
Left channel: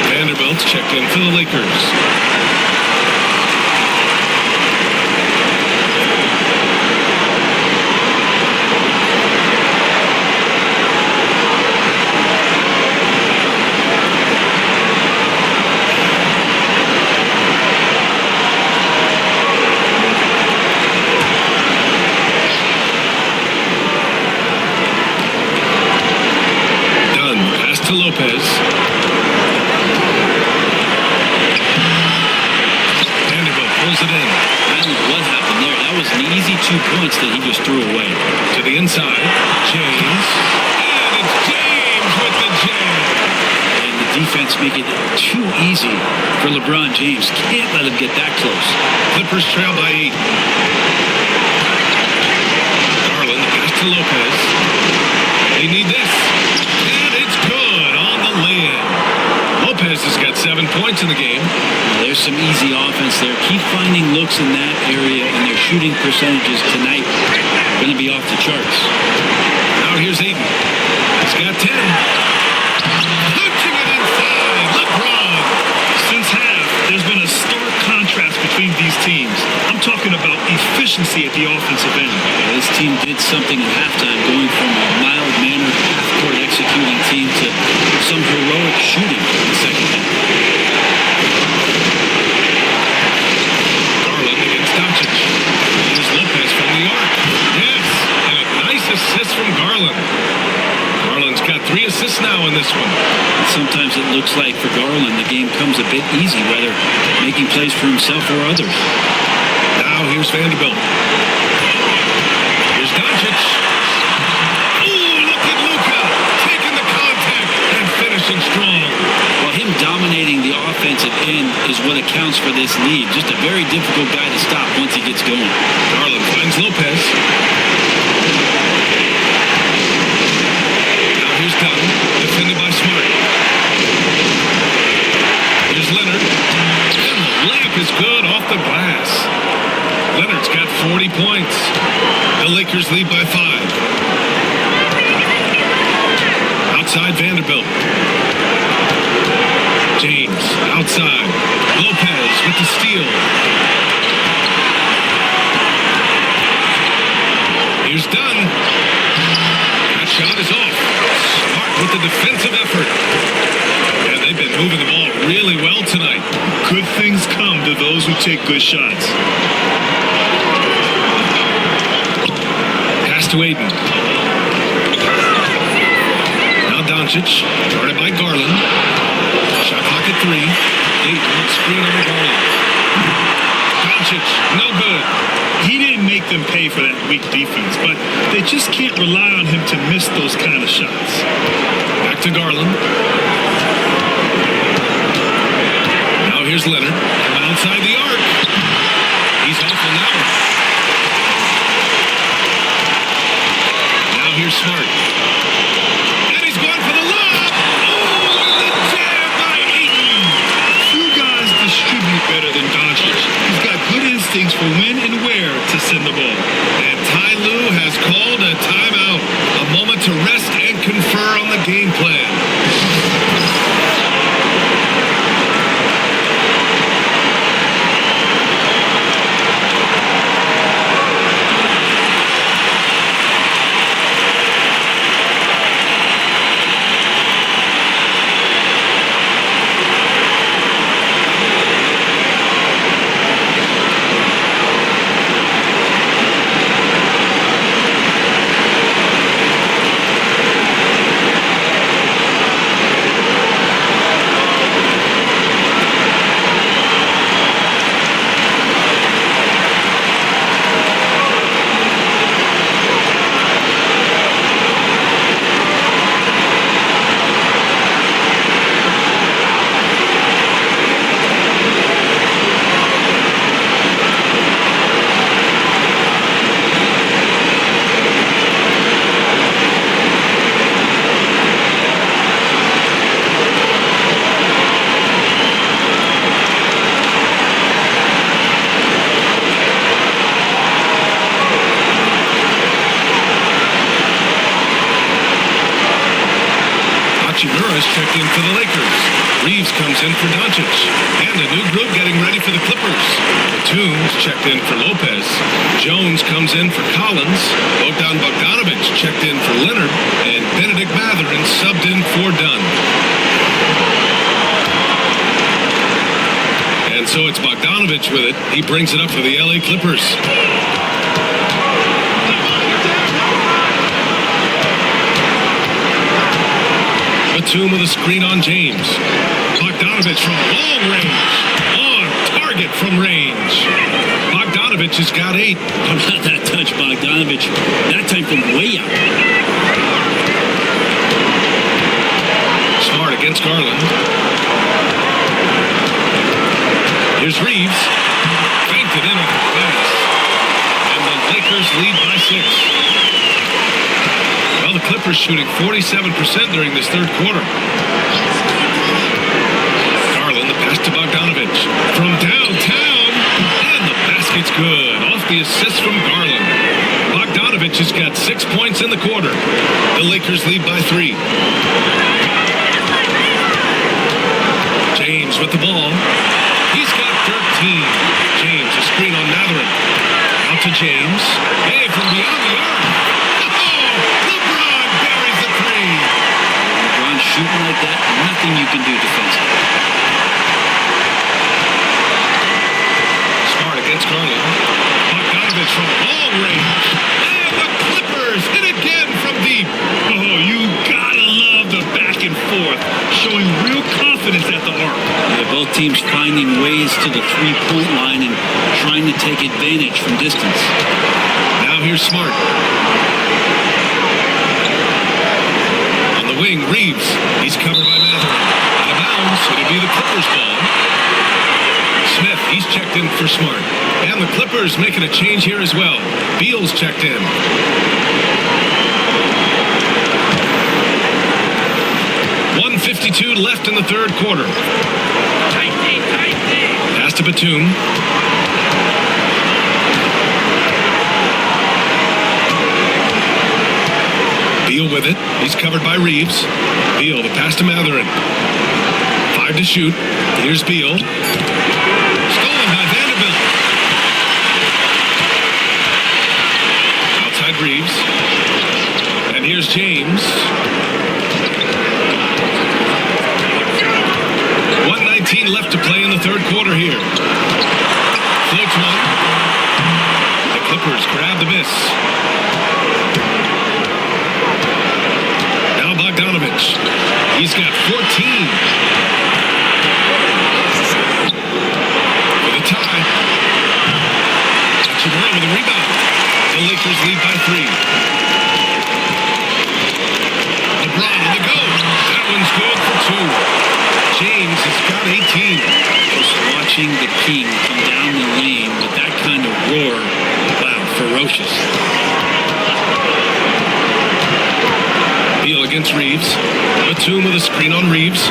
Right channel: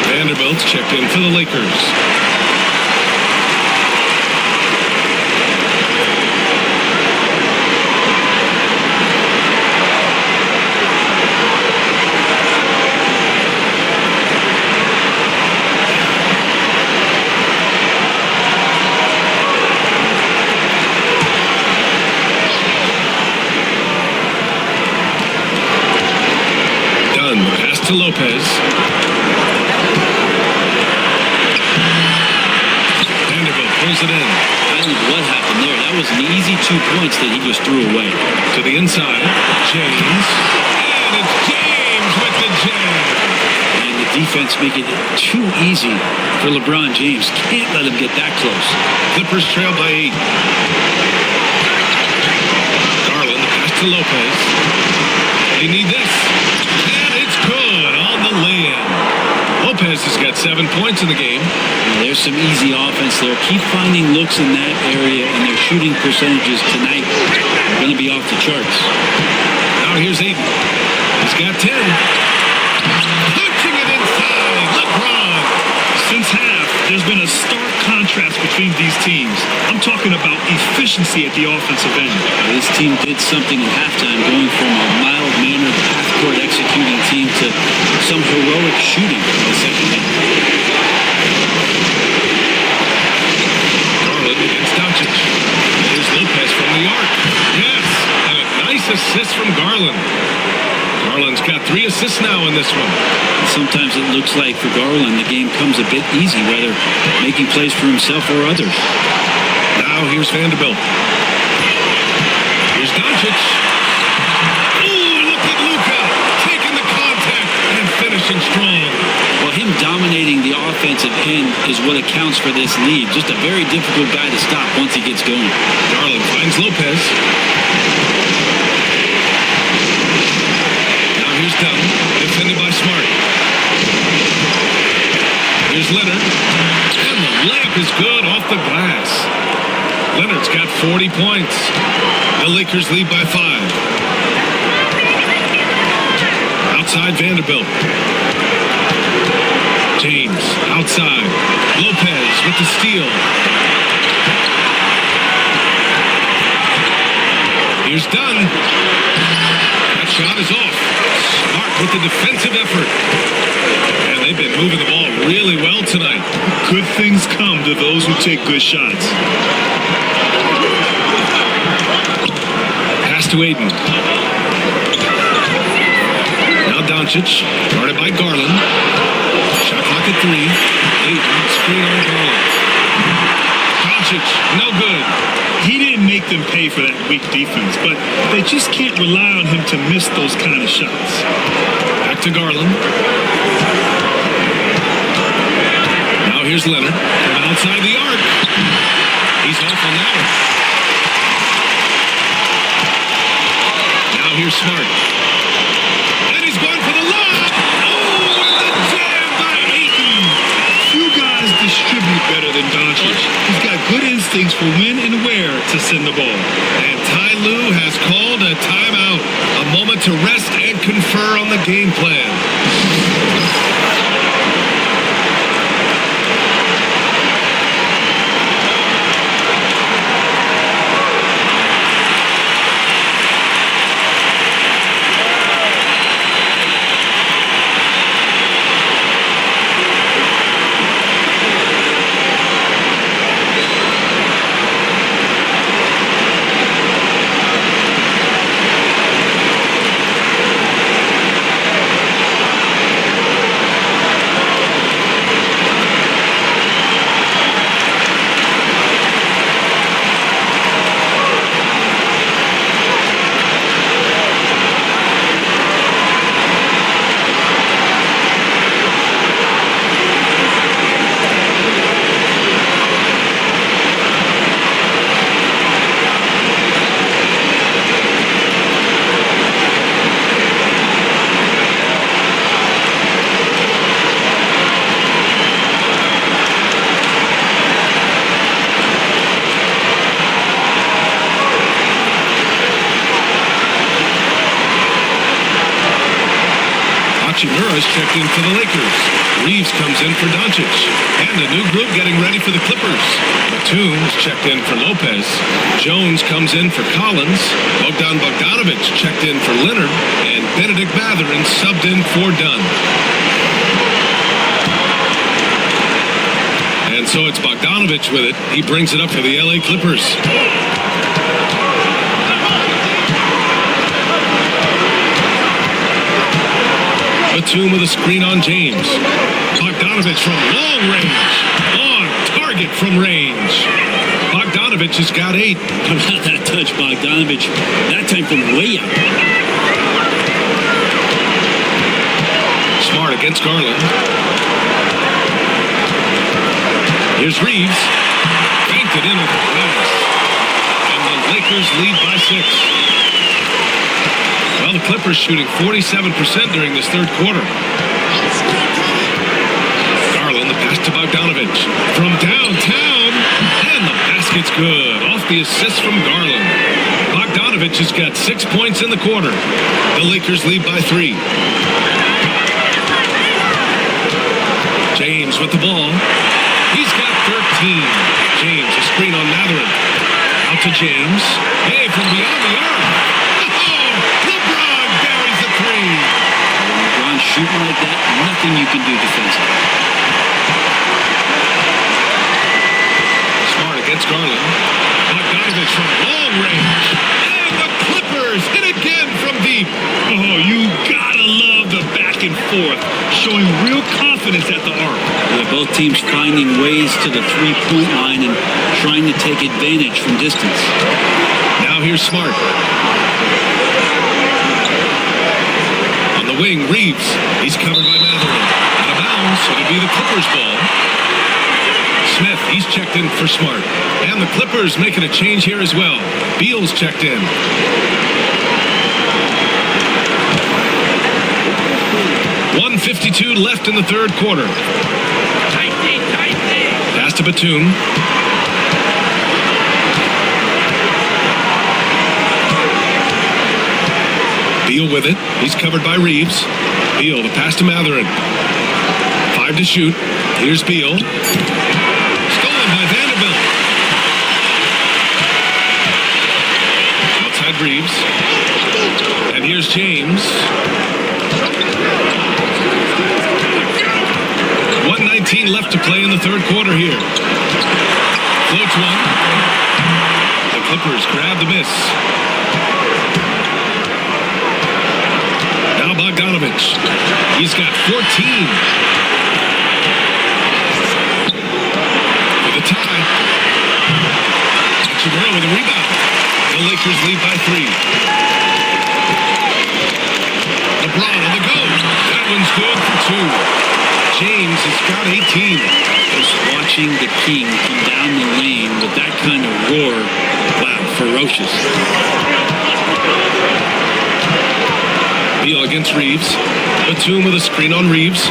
Vanderbilt's checked in for the Lakers. Dunn, the pass to Lopez. Vanderbilt pulls it in. I don't know what happened there. That was an easy 2 points that he just threw away. To the inside, James. And it's James with the jam. And the defense making it too easy for LeBron James. Can't let him get that close. Clippers trail by 8. Garland, the pass to Lopez. They need this. And it's good on the lay-in. Lopez has got 7 points in the game. Now, there's some easy offense there. Keep finding looks in that area, and their shooting percentages tonight are going to be off the charts. Now here's Aiden. He's got 10. Punching it inside. LeBron. Since half, there's been a stark contrast between these teams. I'm talking about efficiency at the offensive end. This team did something in halftime, going from a mild-mannered half-court executing team to some heroic shooting in the second half. Garland against Dončić. Here's Lopez from the arc. Yes, and a nice assist from Garland. Garland's got 3 assists now in this one. And sometimes it looks like for Garland the game comes a bit easy, whether making plays for himself or others. Now here's Vanderbilt. Here's Dončić. Oh, look at Luka taking the contact and finishing strong. Well, him dominating the offensive end is what accounts for this lead. Just a very difficult guy to stop once he gets going. Garland finds Lopez. Here's Dunn, defended by Smart. Here's Leonard. And the layup is good off the glass. Leonard's got 40 points. The Lakers lead by 5. Outside Vanderbilt. James, outside. Lopez with the steal. Here's Dunn. That shot is off. Smart with the defensive effort. And they've been moving the ball really well tonight. Good things come to those who take good shots. Pass to Aiden. Now Dončić, guarded by Garland. Shot clock at 3. Aiden, screen on Garland. Dončić, no good. He didn't make them pay for that weak defense, but they just can't rely on him to miss those kind of shots. Back to Garland. Now here's Leonard from outside the arc. He's off on that one. Now here's Smart. And he's going for the lob. Oh, and the jam by Ayton. Few guys distribute better than Dončić. He's got good instincts for when and where to send the ball. And Ty Lue has called a timeout. A moment to rest and confer on the game plan. Hachimura's checked in for the Lakers. Reeves comes in for Dončić. And a new group getting ready for the Clippers. Batum is checked in for Lopez. Jones comes in for Collins. Bogdanović checked in for Leonard. And Benedict Mathurin subbed in for Dunn. And so it's Bogdanović with it. He brings it up for the LA Clippers. Batum with a screen on James. Bogdanović from long range. On target from range. Bogdanović has got 8. How about that touch, Bogdanović? That time from way out. Smart against Garland. Here's Reeves. Banked it in off the glass. And the Lakers lead by 6. Well, the Clippers shooting 47% during this third quarter. Garland, the pass to Bogdanović. From downtown, and the basket's good. Off the assist from Garland. Bogdanović has got 6 points in the quarter. The Lakers lead by 3. James with the ball. He's got 13. James, a screen on Mathurin. Out to James. Hey, from beyond the arc. LeBron buries a 3. When LeBron's shooting like that, nothing you can do defensively. Smart against Garland. Bogdanović from long range. And the Clippers hit again from deep. Oh, you gotta love the back and forth, showing real confidence at the arc. Yeah, both teams finding ways to the three-point line and trying to take advantage from distance. Now here's Smart. On the wing, Reeves. He's covered by Mathurin. Out of bounds. It'll be the Clippers' ball. Smith, he's checked in for Smart. And the Clippers making a change here as well. Beal's checked in. .152 left in the third quarter. Pass to Batum. Beal with it. He's covered by Reeves. Beal, the pass to Mathurin. 5 to shoot. Here's Beal. Stolen by Vanderbilt. Outside Reeves. And here's James. 1:19 left to play in the third quarter here. Floats one. The Clippers grab the miss. Now Bogdanović. He's got 14. For the tie. Hachimura with a rebound. The Lakers lead by 3. LeBron on the go. That one's good for 2. James has got 18. Just watching the King come down the lane with that kind of roar. Wow, ferocious. Beal against Reeves. Batum with a screen on Reeves.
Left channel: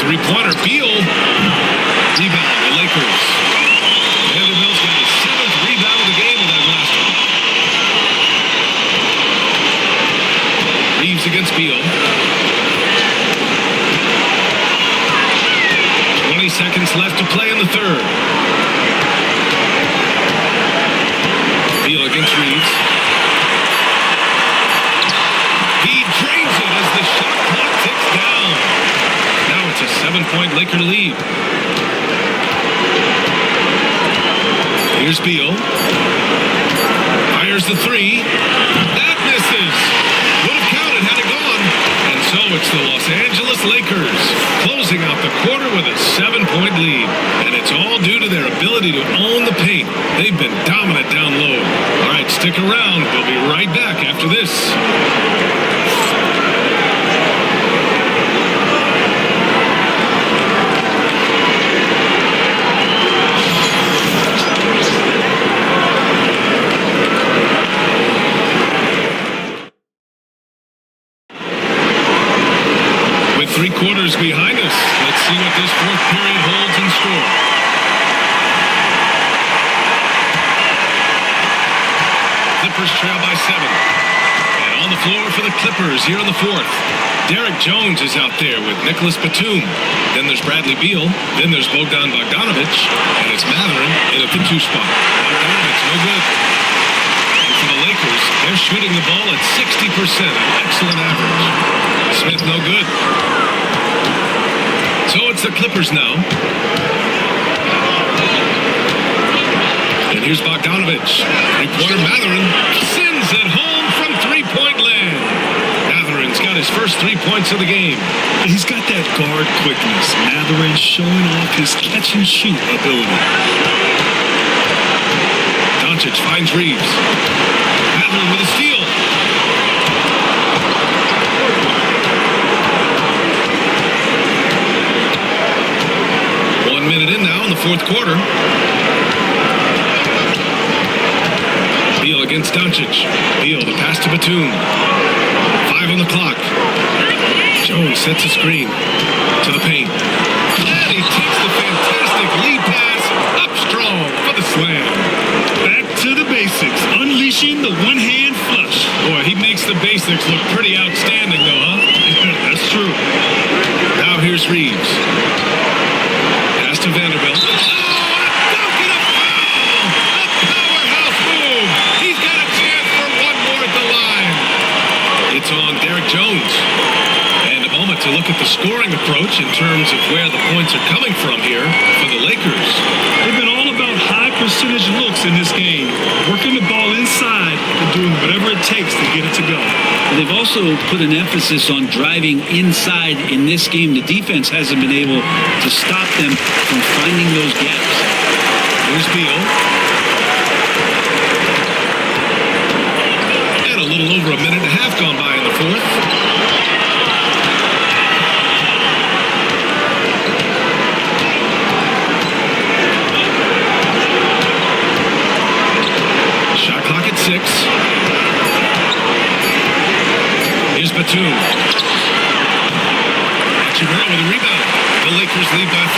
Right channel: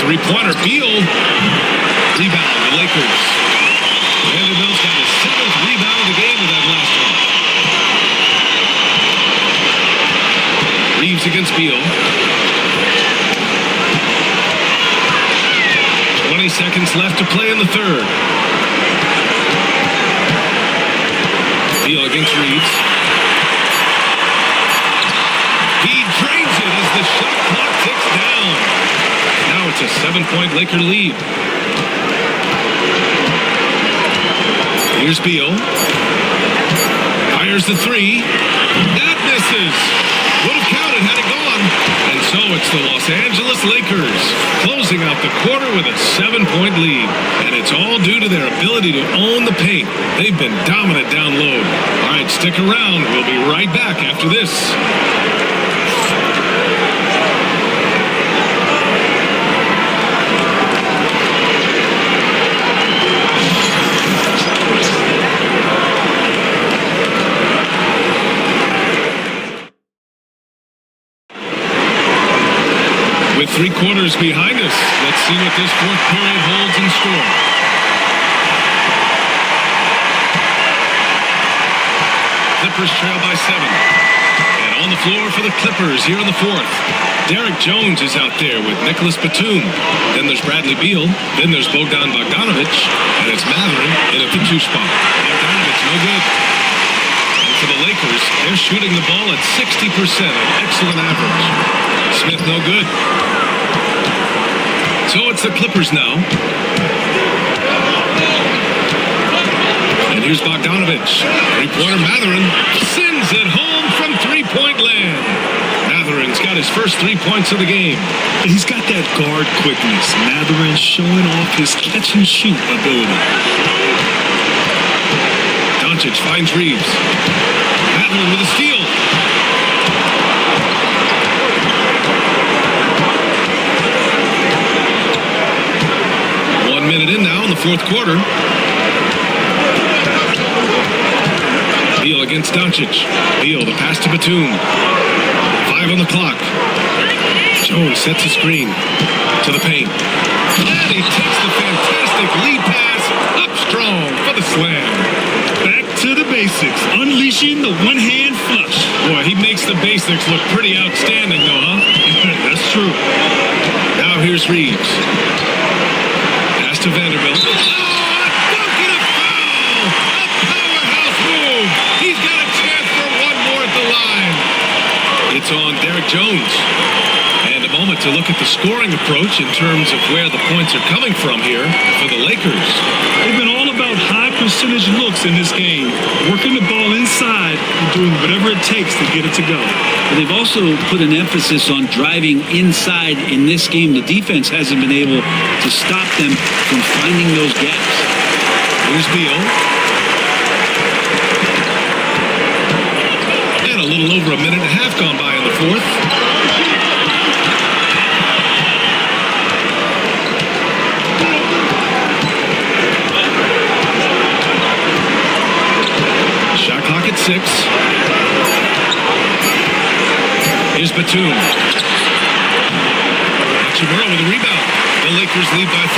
Three-pointer. Beal. Rebound, the Lakers. Vanderbilt's got his 7th rebound of the game with that last one. Reeves against Beal. 20 seconds left to play in the third. Beal against Reeves. He drains it as the shot clock ticks down. Now it's a 7-point Laker lead. Here's Beal. Fires the three. That misses. Would have counted had it gone. And so it's the Los Angeles Lakers closing out the quarter with a 7-point lead. And it's all due to their ability to own the paint. They've been dominant down low. All right, stick around. We'll be right back after this. With 3 quarters behind us, let's see what this fourth period holds in store. Clippers trail by 7. And on the floor for the Clippers here in the fourth. Derek Jones is out there with Nicholas Batum. Then there's Bradley Beal. Then there's Bogdan Bogdanović. And it's Mathurin in at the 2 spot. Bogdanović, no good. And for the Lakers, they're shooting the ball at 60%, an excellent average. Smith, no good. So it's the Clippers now. And here's Bogdanović. 3-pointer Mathurin sends it home from 3-point land. Mathurin's got his first 3 points of the game. He's got that guard quickness. Mathurin showing off his catch-and-shoot ability. Dončić finds Reeves. Mathurin with a steal. One minute in now in the fourth quarter. Beal against Dončić. Beal, the pass to Batum. 5 on the clock. Jones sets a screen to the paint. And he takes the fantastic lead pass up strong for the slam. Back to the basics, unleashing the one-hand flush. Boy, he makes the basics look pretty outstanding, though, huh? That's true. Now here's Reeves. Pass to Vanderbilt. Oh, a dunk and a foul! A powerhouse move! He's got a chance for one more at the line. It's on Derek Jones. And a moment to look at the scoring approach in terms of where the points are coming from here for the Lakers. They've been all about high percentage looks in this game, working the ball inside and doing whatever it takes to get it to go. Well, they've also put an emphasis on driving inside in this game. The defense hasn't been able to stop them from finding those gaps. Here's Beal. And a little over a minute and a half gone by in the fourth. Shot clock at 6. Here's Batum. Hachimura with a rebound. The Lakers lead by 5.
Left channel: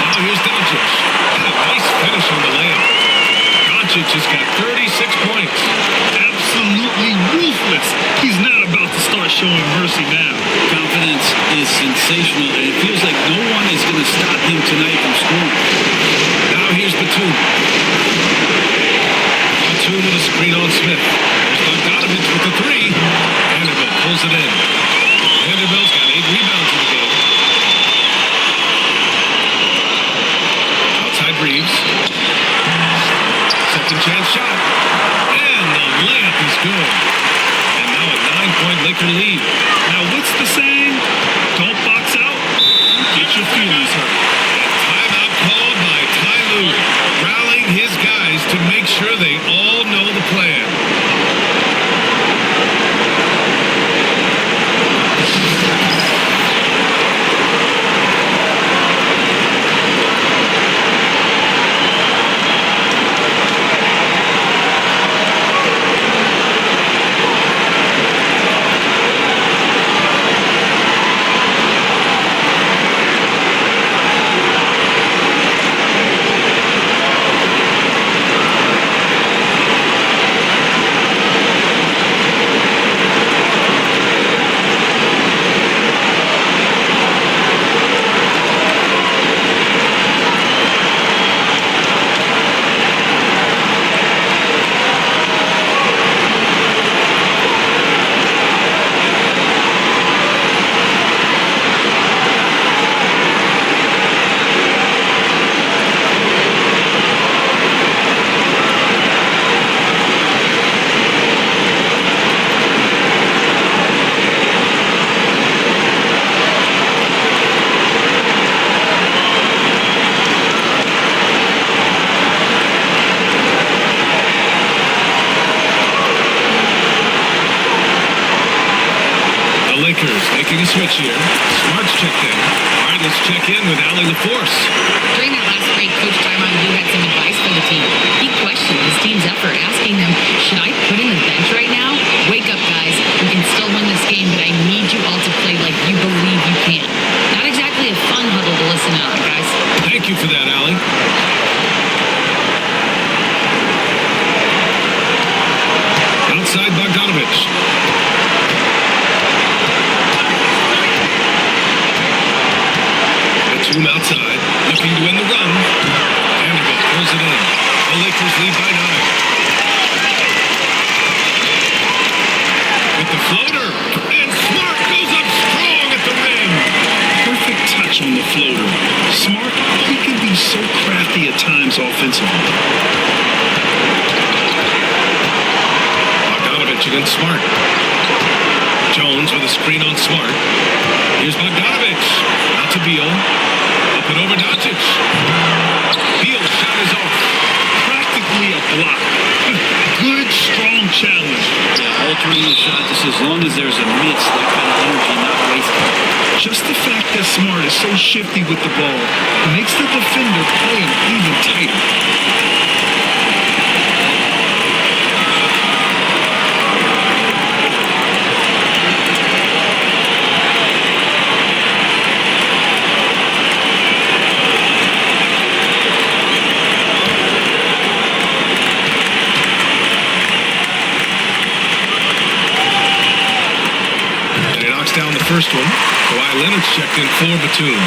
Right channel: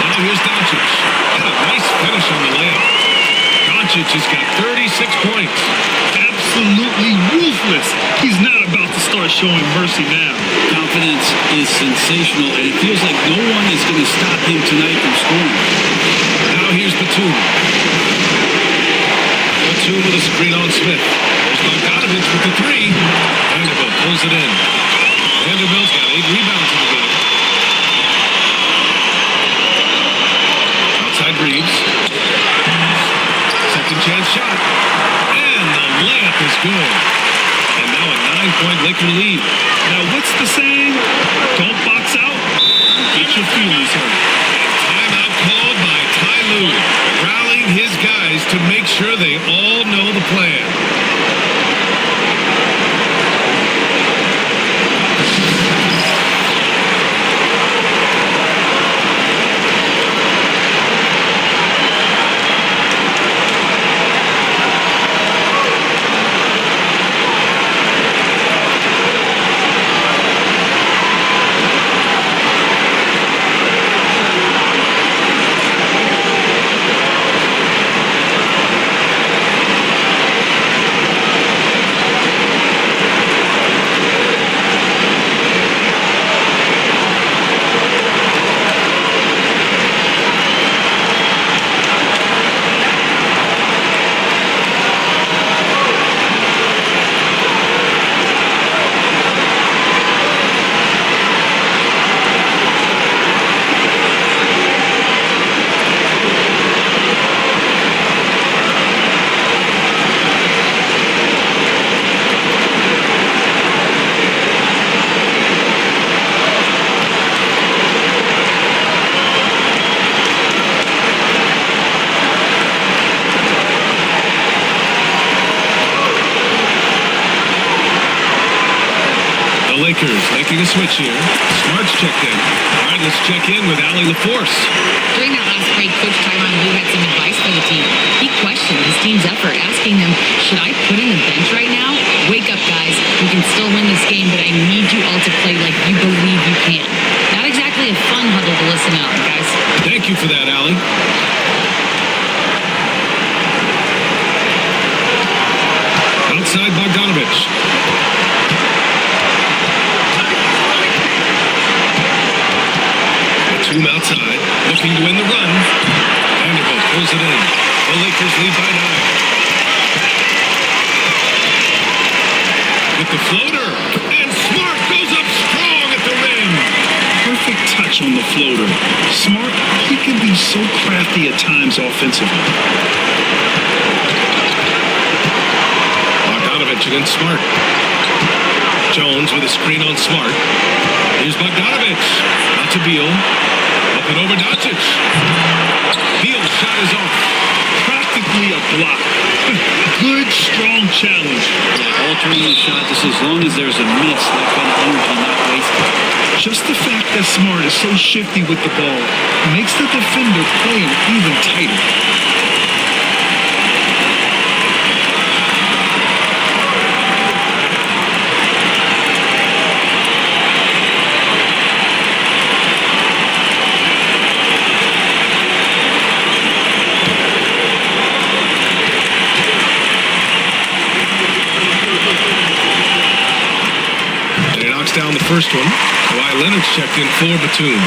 Now here's Dončić. And a nice finish on the layup. Dončić has got 36 points. Absolutely ruthless. He's not about to start showing mercy now. Confidence is sensational, and it feels like no one is going to stop him tonight from scoring. Now here's Batum. Batum with a screen on Smith. There's Bogdanović with the 3. Vanderbilt pulls it in. Vanderbilt's got 8 rebounds in the game. Outside Reeves. Second chance shot. And the layup is good. And now a 9-point Laker lead. Now, what's the saying? Don't box out. You get your feelings hurt. And timeout called by Ty Lue, rallying his guys to make sure they all know the plan. Lakers making a switch here. Smart's checked in. All right, let's check in with Allie LaForce. During that last break, Coach Tyronn Lue had some advice for the team. He questioned his team's effort, asking them, should I put in the bench right now? Wake up, guys. We can still win this game, but I need you all to play like you believe you can. Not exactly a fun huddle to listen on, guys. Thank you for that, Allie. Outside Bogdanovich. Batum outside, looking to win the run. Vanderbilt pulls it in. The Lakers lead by 9. With the floater, and Smart goes up strong at the rim. Perfect touch on the floater. Smart, he can be so crafty at times offensively. Bogdanovich against Smart. Jones with a screen on Smart. Here's Bogdanovich. Out to Beal. Up and over Dončić. Beal's shot is off. Practically a block. Good, strong challenge. Yeah, altering the shot just as long as there's a miss, that kind of energy not wasted. Just the fact that Smart is so shifty with the ball makes the defender play him even tighter. Down the first one. Kawhi Leonard's checked in for Batum.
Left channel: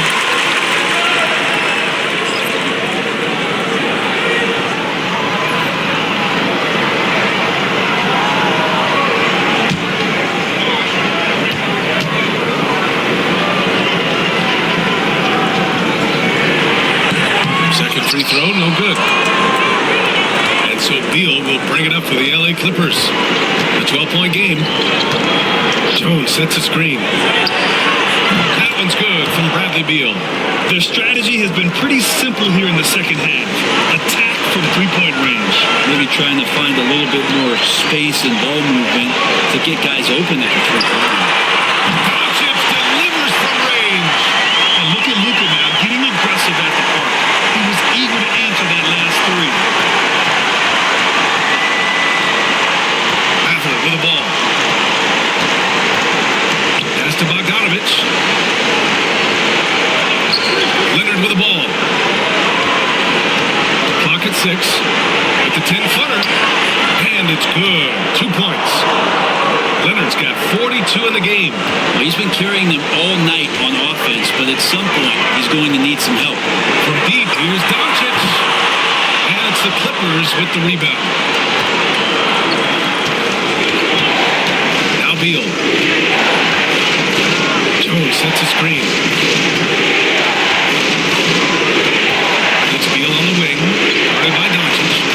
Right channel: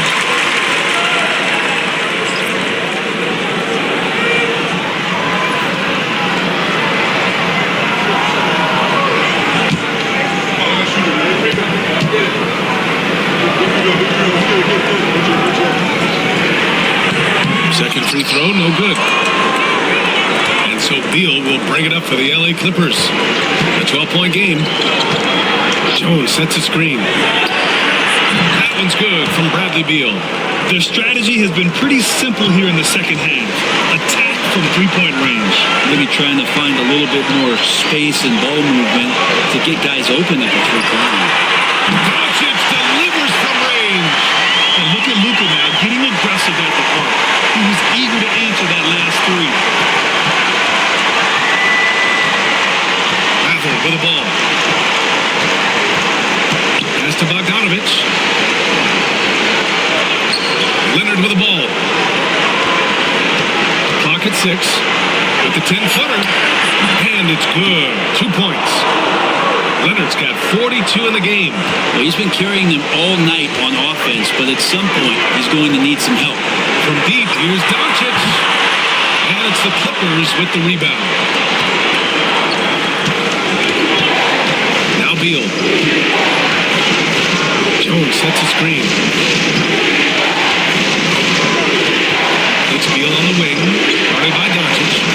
Second free throw, no good. And so Beal will bring it up for the LA Clippers. A 12-point game. Jones sets a screen. That one's good from Bradley Beal. Their strategy has been pretty simple here in the second half. Attack from three-point range. Maybe trying to find a little bit more space and ball movement to get guys open at the three-point line. Dončić delivers from range. And look at Luka now, getting aggressive at the arc. He was eager to answer that last three. Mather with the ball. Pass to Bogdanovich. Leonard with the ball. Clock at 6. With the 10-footer. And it's good. 2 points. Leonard's got 42 in the game. Well, he's been carrying them all night on offense, but at some point, he's going to need some help. From deep, here's Dončić. And it's the Clippers with the rebound. Now Beal. Jones sets a screen. It's Beal on the wing, guarded by Dončić.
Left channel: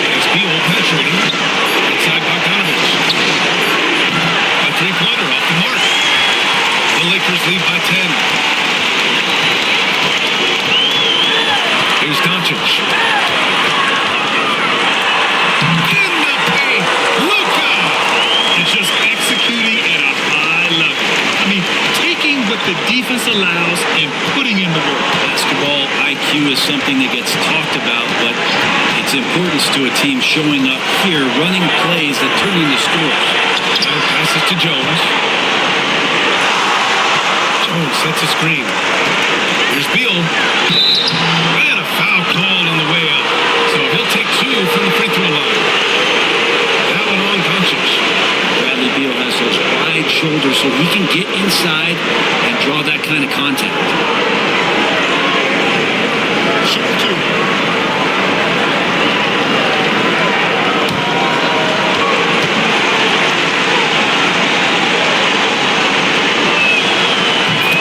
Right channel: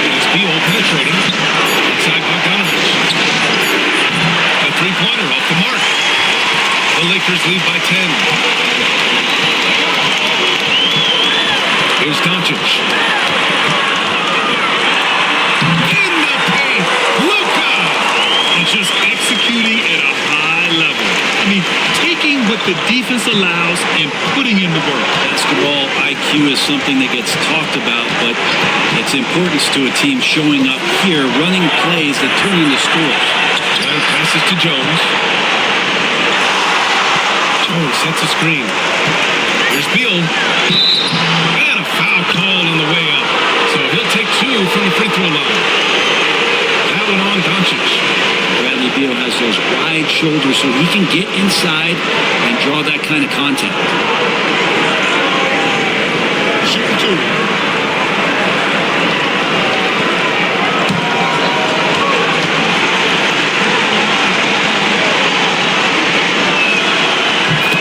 And it's Beal penetrating outside Bogdanovich. The three-pointer off the mark. The Lakers lead by 10. Here's Dončić. In the paint, Luka! And just executing at a high level. I mean, taking what the defense allows and putting in the work. Basketball IQ is something that gets talked about, but its importance to a team showing up here, running plays that turn into scores. Leonard passes to Jones. Jones sets a screen. Here's Beal. And a foul called on the way up. So he'll take 2 from the free throw line. That one on Dončić. Bradley Beal has those wide shoulders so he can get inside and draw that kind of contact. Shoot 2.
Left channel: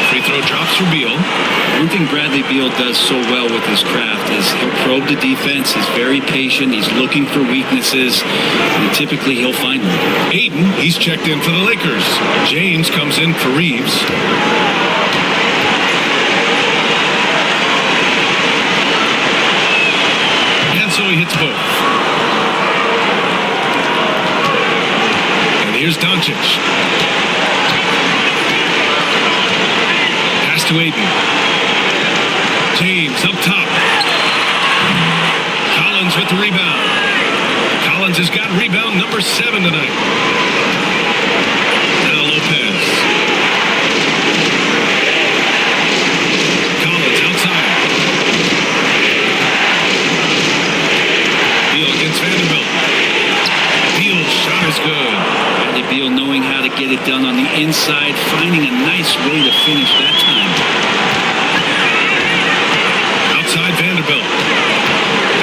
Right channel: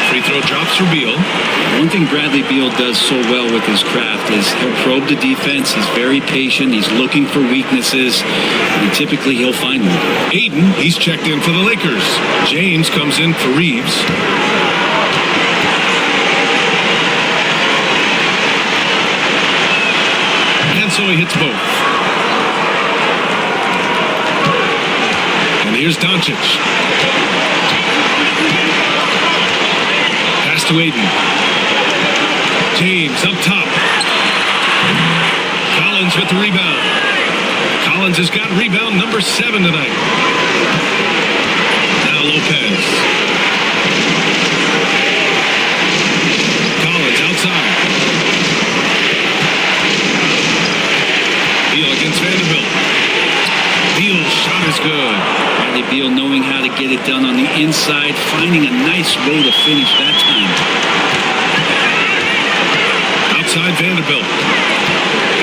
Free throw drops for Beal. One thing Bradley Beal does so well with his craft is he'll probe the defense. He's very patient. He's looking for weaknesses, and typically he'll find one. Aiden, he's checked in for the Lakers. James comes in for Reeves. And so he hits both. And And here's Dončić. Pass to Aiden. James up top. Collins with the rebound. Collins has got rebound number 7 tonight. Now Lopez. Collins outside. Beal against Vanderbilt. Beal's shot is good. Bradley Beal knowing how to get it done on the inside, finding a nice way to finish that time. Outside Vanderbilt.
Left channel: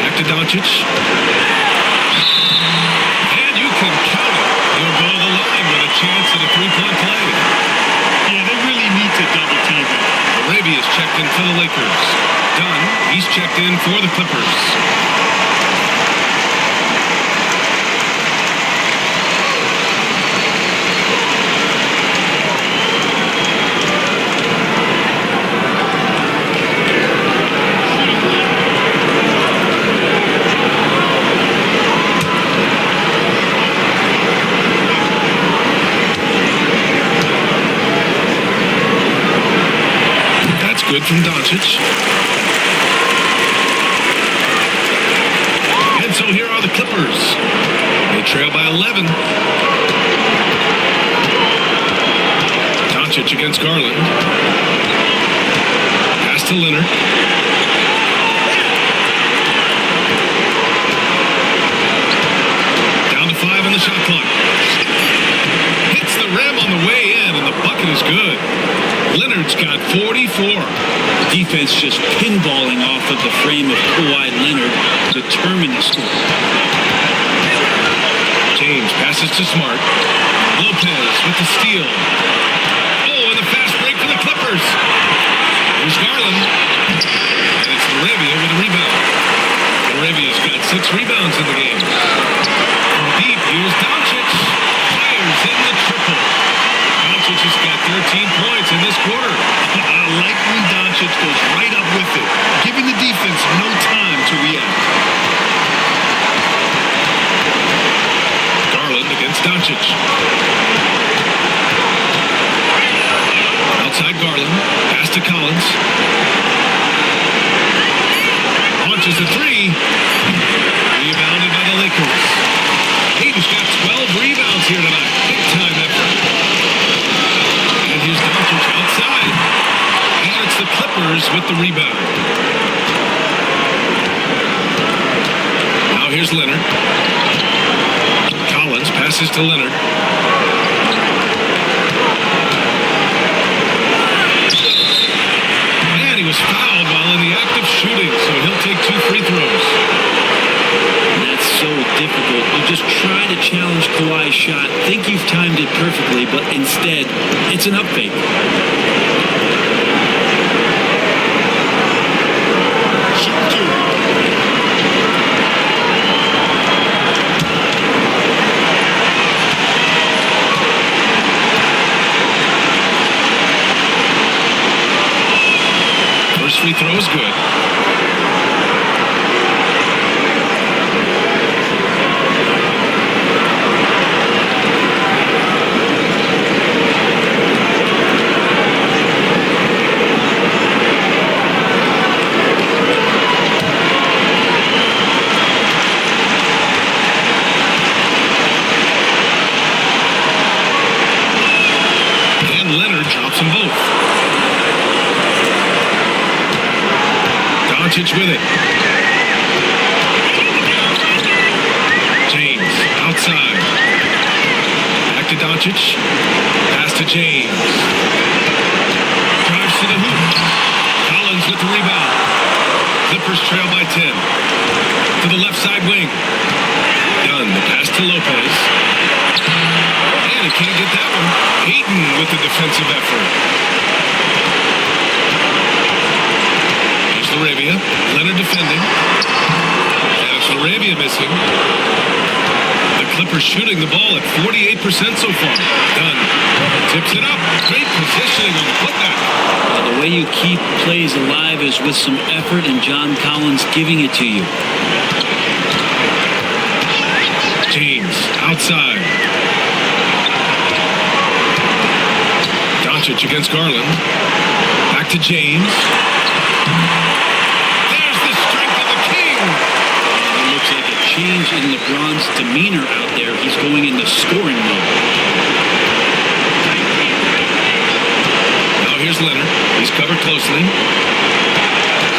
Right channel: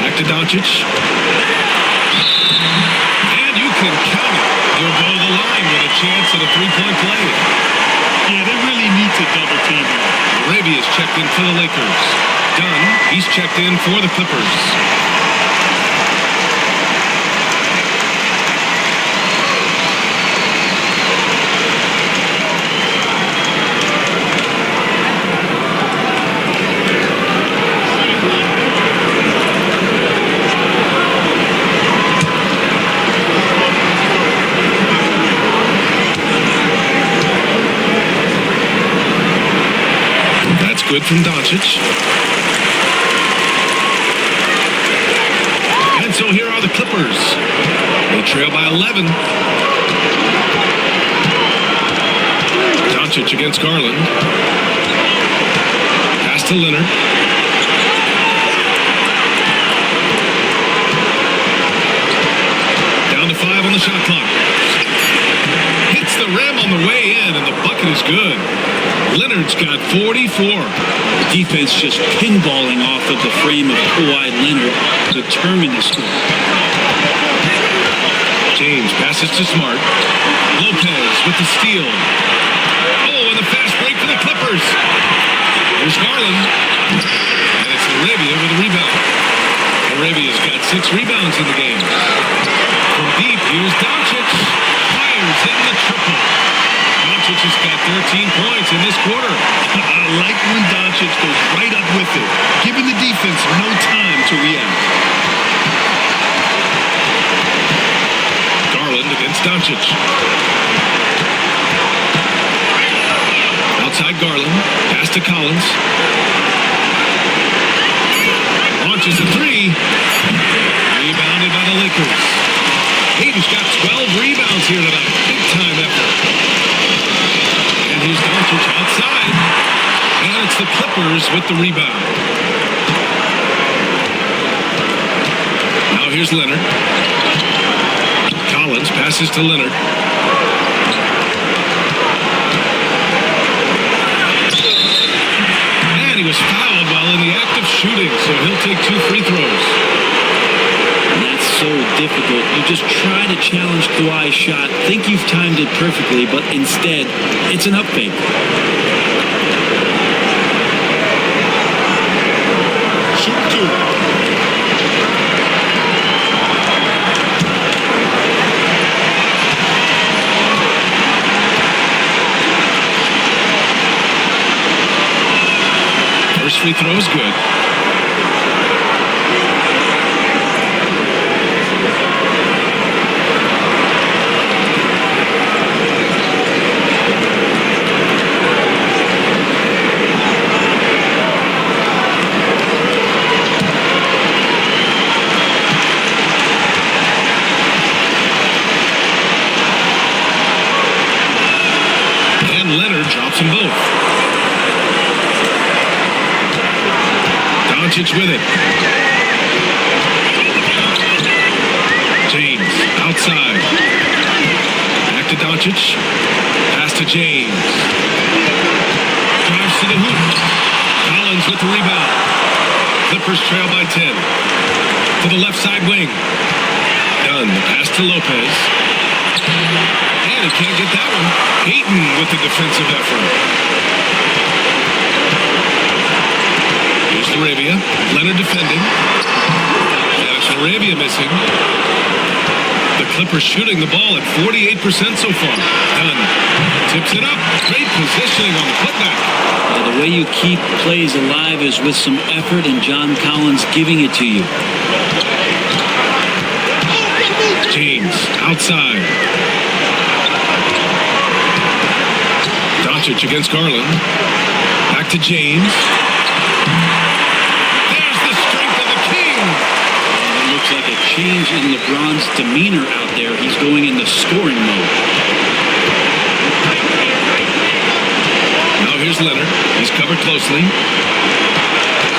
Back to Dončić. And you can count it. He'll go to the line with a chance at a three-point play. Yeah, they really need to double team him. Arabia's checked in for the Lakers. Dunn, he's checked in for the Clippers. That's good from Dončić. And so here are the Clippers. They trail by 11. Dončić against Garland. Pass to Leonard. Down to 5 on the shot clock. Hits the rim on the way in, and the bucket is good. Leonard's got 44. The defense just pinballing off of the frame of Kawhi Leonard, determined to score. James passes to Smart. Lopez with the steal. Oh, and the fast break for the Clippers. Here's Garland. And it's Arabia with a rebound. Arabia's got 6 rebounds in the game. From deep, here's Dončić. Fires in the triple. Dončić has got 13 points in this quarter. I like when Dončić goes right up with it, giving the defense no time to react. Garland against Dončić. Outside Garland. Pass to Collins. Launches a 3. Rebounded by the Lakers. Aiden's got 12 rebounds here tonight. Big time effort. And here's Dončić outside. And it's the Clippers with the rebound. Now here's Leonard. Collins passes to Leonard. And he was fouled while in the act of shooting, so he'll take 2 free throws. And that's so difficult. You just try to challenge Kawhi's shot, think you've timed it perfectly, but instead, it's an up fake. Shooting 2. First free throw is good. And Leonard drops them both. Dončić with it. James outside. Back to Dončić. Pass to James. Drives to the hoop. Collins with the rebound. Clippers trail by 10. To the left side wing. Dunn, the pass to Lopez. And he can't get that one. Ayton with the defensive effort. Here's Arabia. Leonard defending. And it's Arabia missing. The Clippers shooting the ball at 48% so far. Dunn tips it up. Great positioning on the putback. Yeah, the way you keep plays alive is with some effort, and John Collins giving it to you. James outside. Dončić against Garland. Back to James. There's the strength of the King. And it looks like a change in LeBron's demeanor out there. He's going into scoring mode. Now here's Leonard. He's covered closely.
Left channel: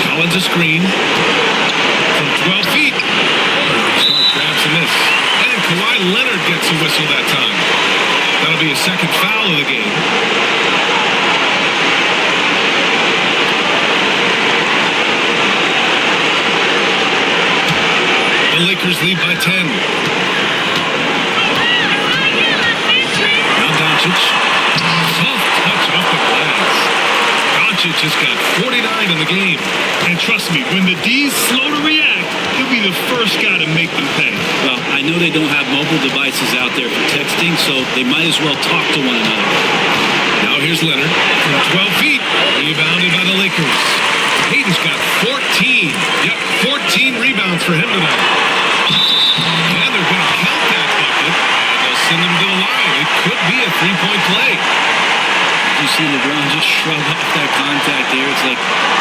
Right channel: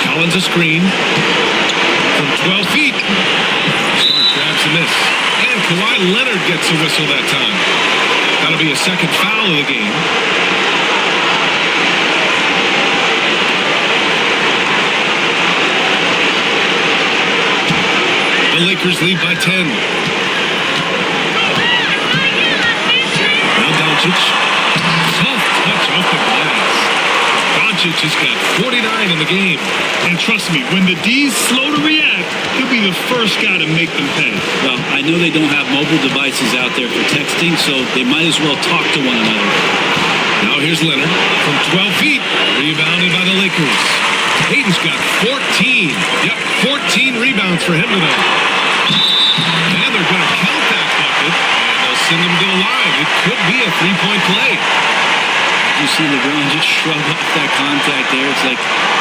Collins a screen from 12 feet. Smart grabs and miss. And Kawhi Leonard gets a whistle that time. That'll be a second foul of the game. The Lakers lead by 10. Now Dončić. Soft touch off the glass. Dončić has got 49 in the game. And trust me, when the D's slow to react, he'll be the first guy to make them pay. Well, I know they don't have mobile devices out there for texting, so they might as well talk to one another. Now here's Leonard from 12 feet. Rebounded by the Lakers. Hayden's got 14. Yep, 14 rebounds for him tonight. And they're going to count that bucket, and they'll send him to the line. It could be a three-point play. You see LeBron just shrug off that contact there. It's like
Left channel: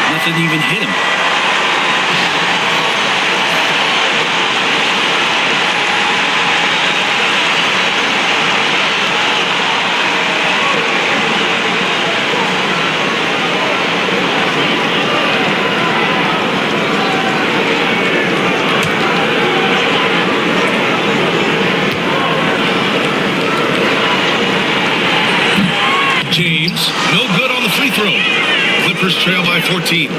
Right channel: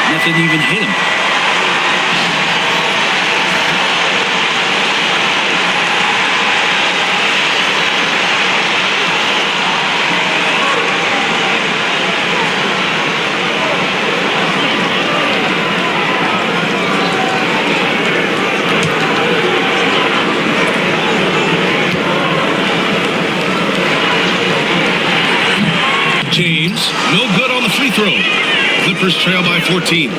nothing even hit him. James, no good on the free throw. Clippers trail by 14.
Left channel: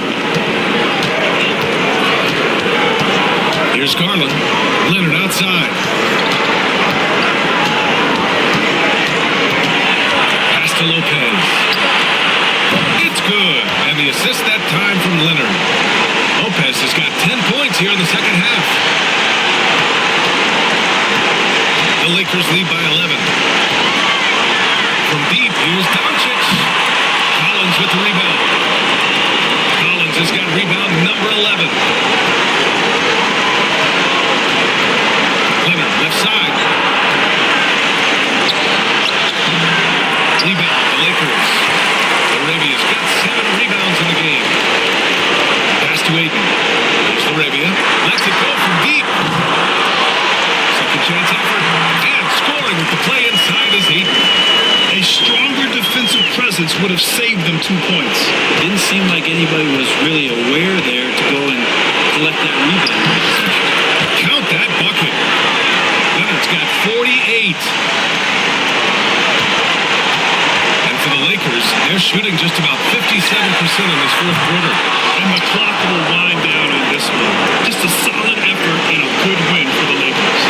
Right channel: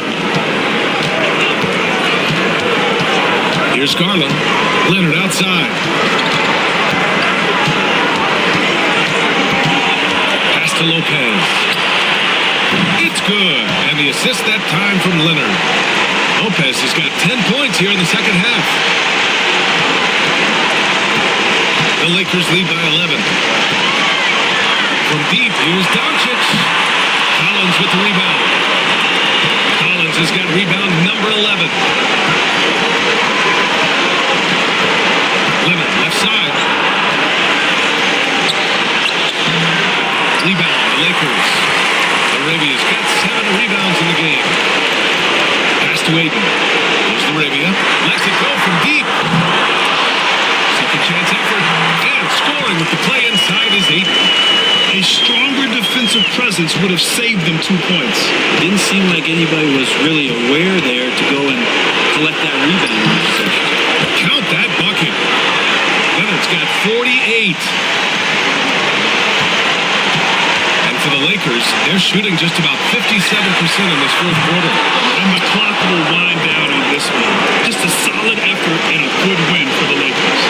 Here's Garland. Leonard outside. Pass to Lopez. It's good. And the assist that time from Leonard. Lopez has got 10 points here in the second half. The Lakers lead by 11. From deep, here's Dončić. Collins with the rebound. Collins has got rebound number 11. Leonard, left side. Rebound, the Lakers. Arabia's got 7 rebounds in the game. Pass to Aiden. Here's Arabia. Lets it go from deep. Second chance effort. And scoring with the play inside is Aiden. A stronger defensive presence would have saved them 2 points. It didn't seem like anybody was really aware there to go and collect that rebound in the possession. Count that bucket. Leonard's got 48. And for the Lakers, they're shooting just about 57% in this fourth quarter. And the clock will wind down on this one. Just a solid effort and a good win for the Lakers.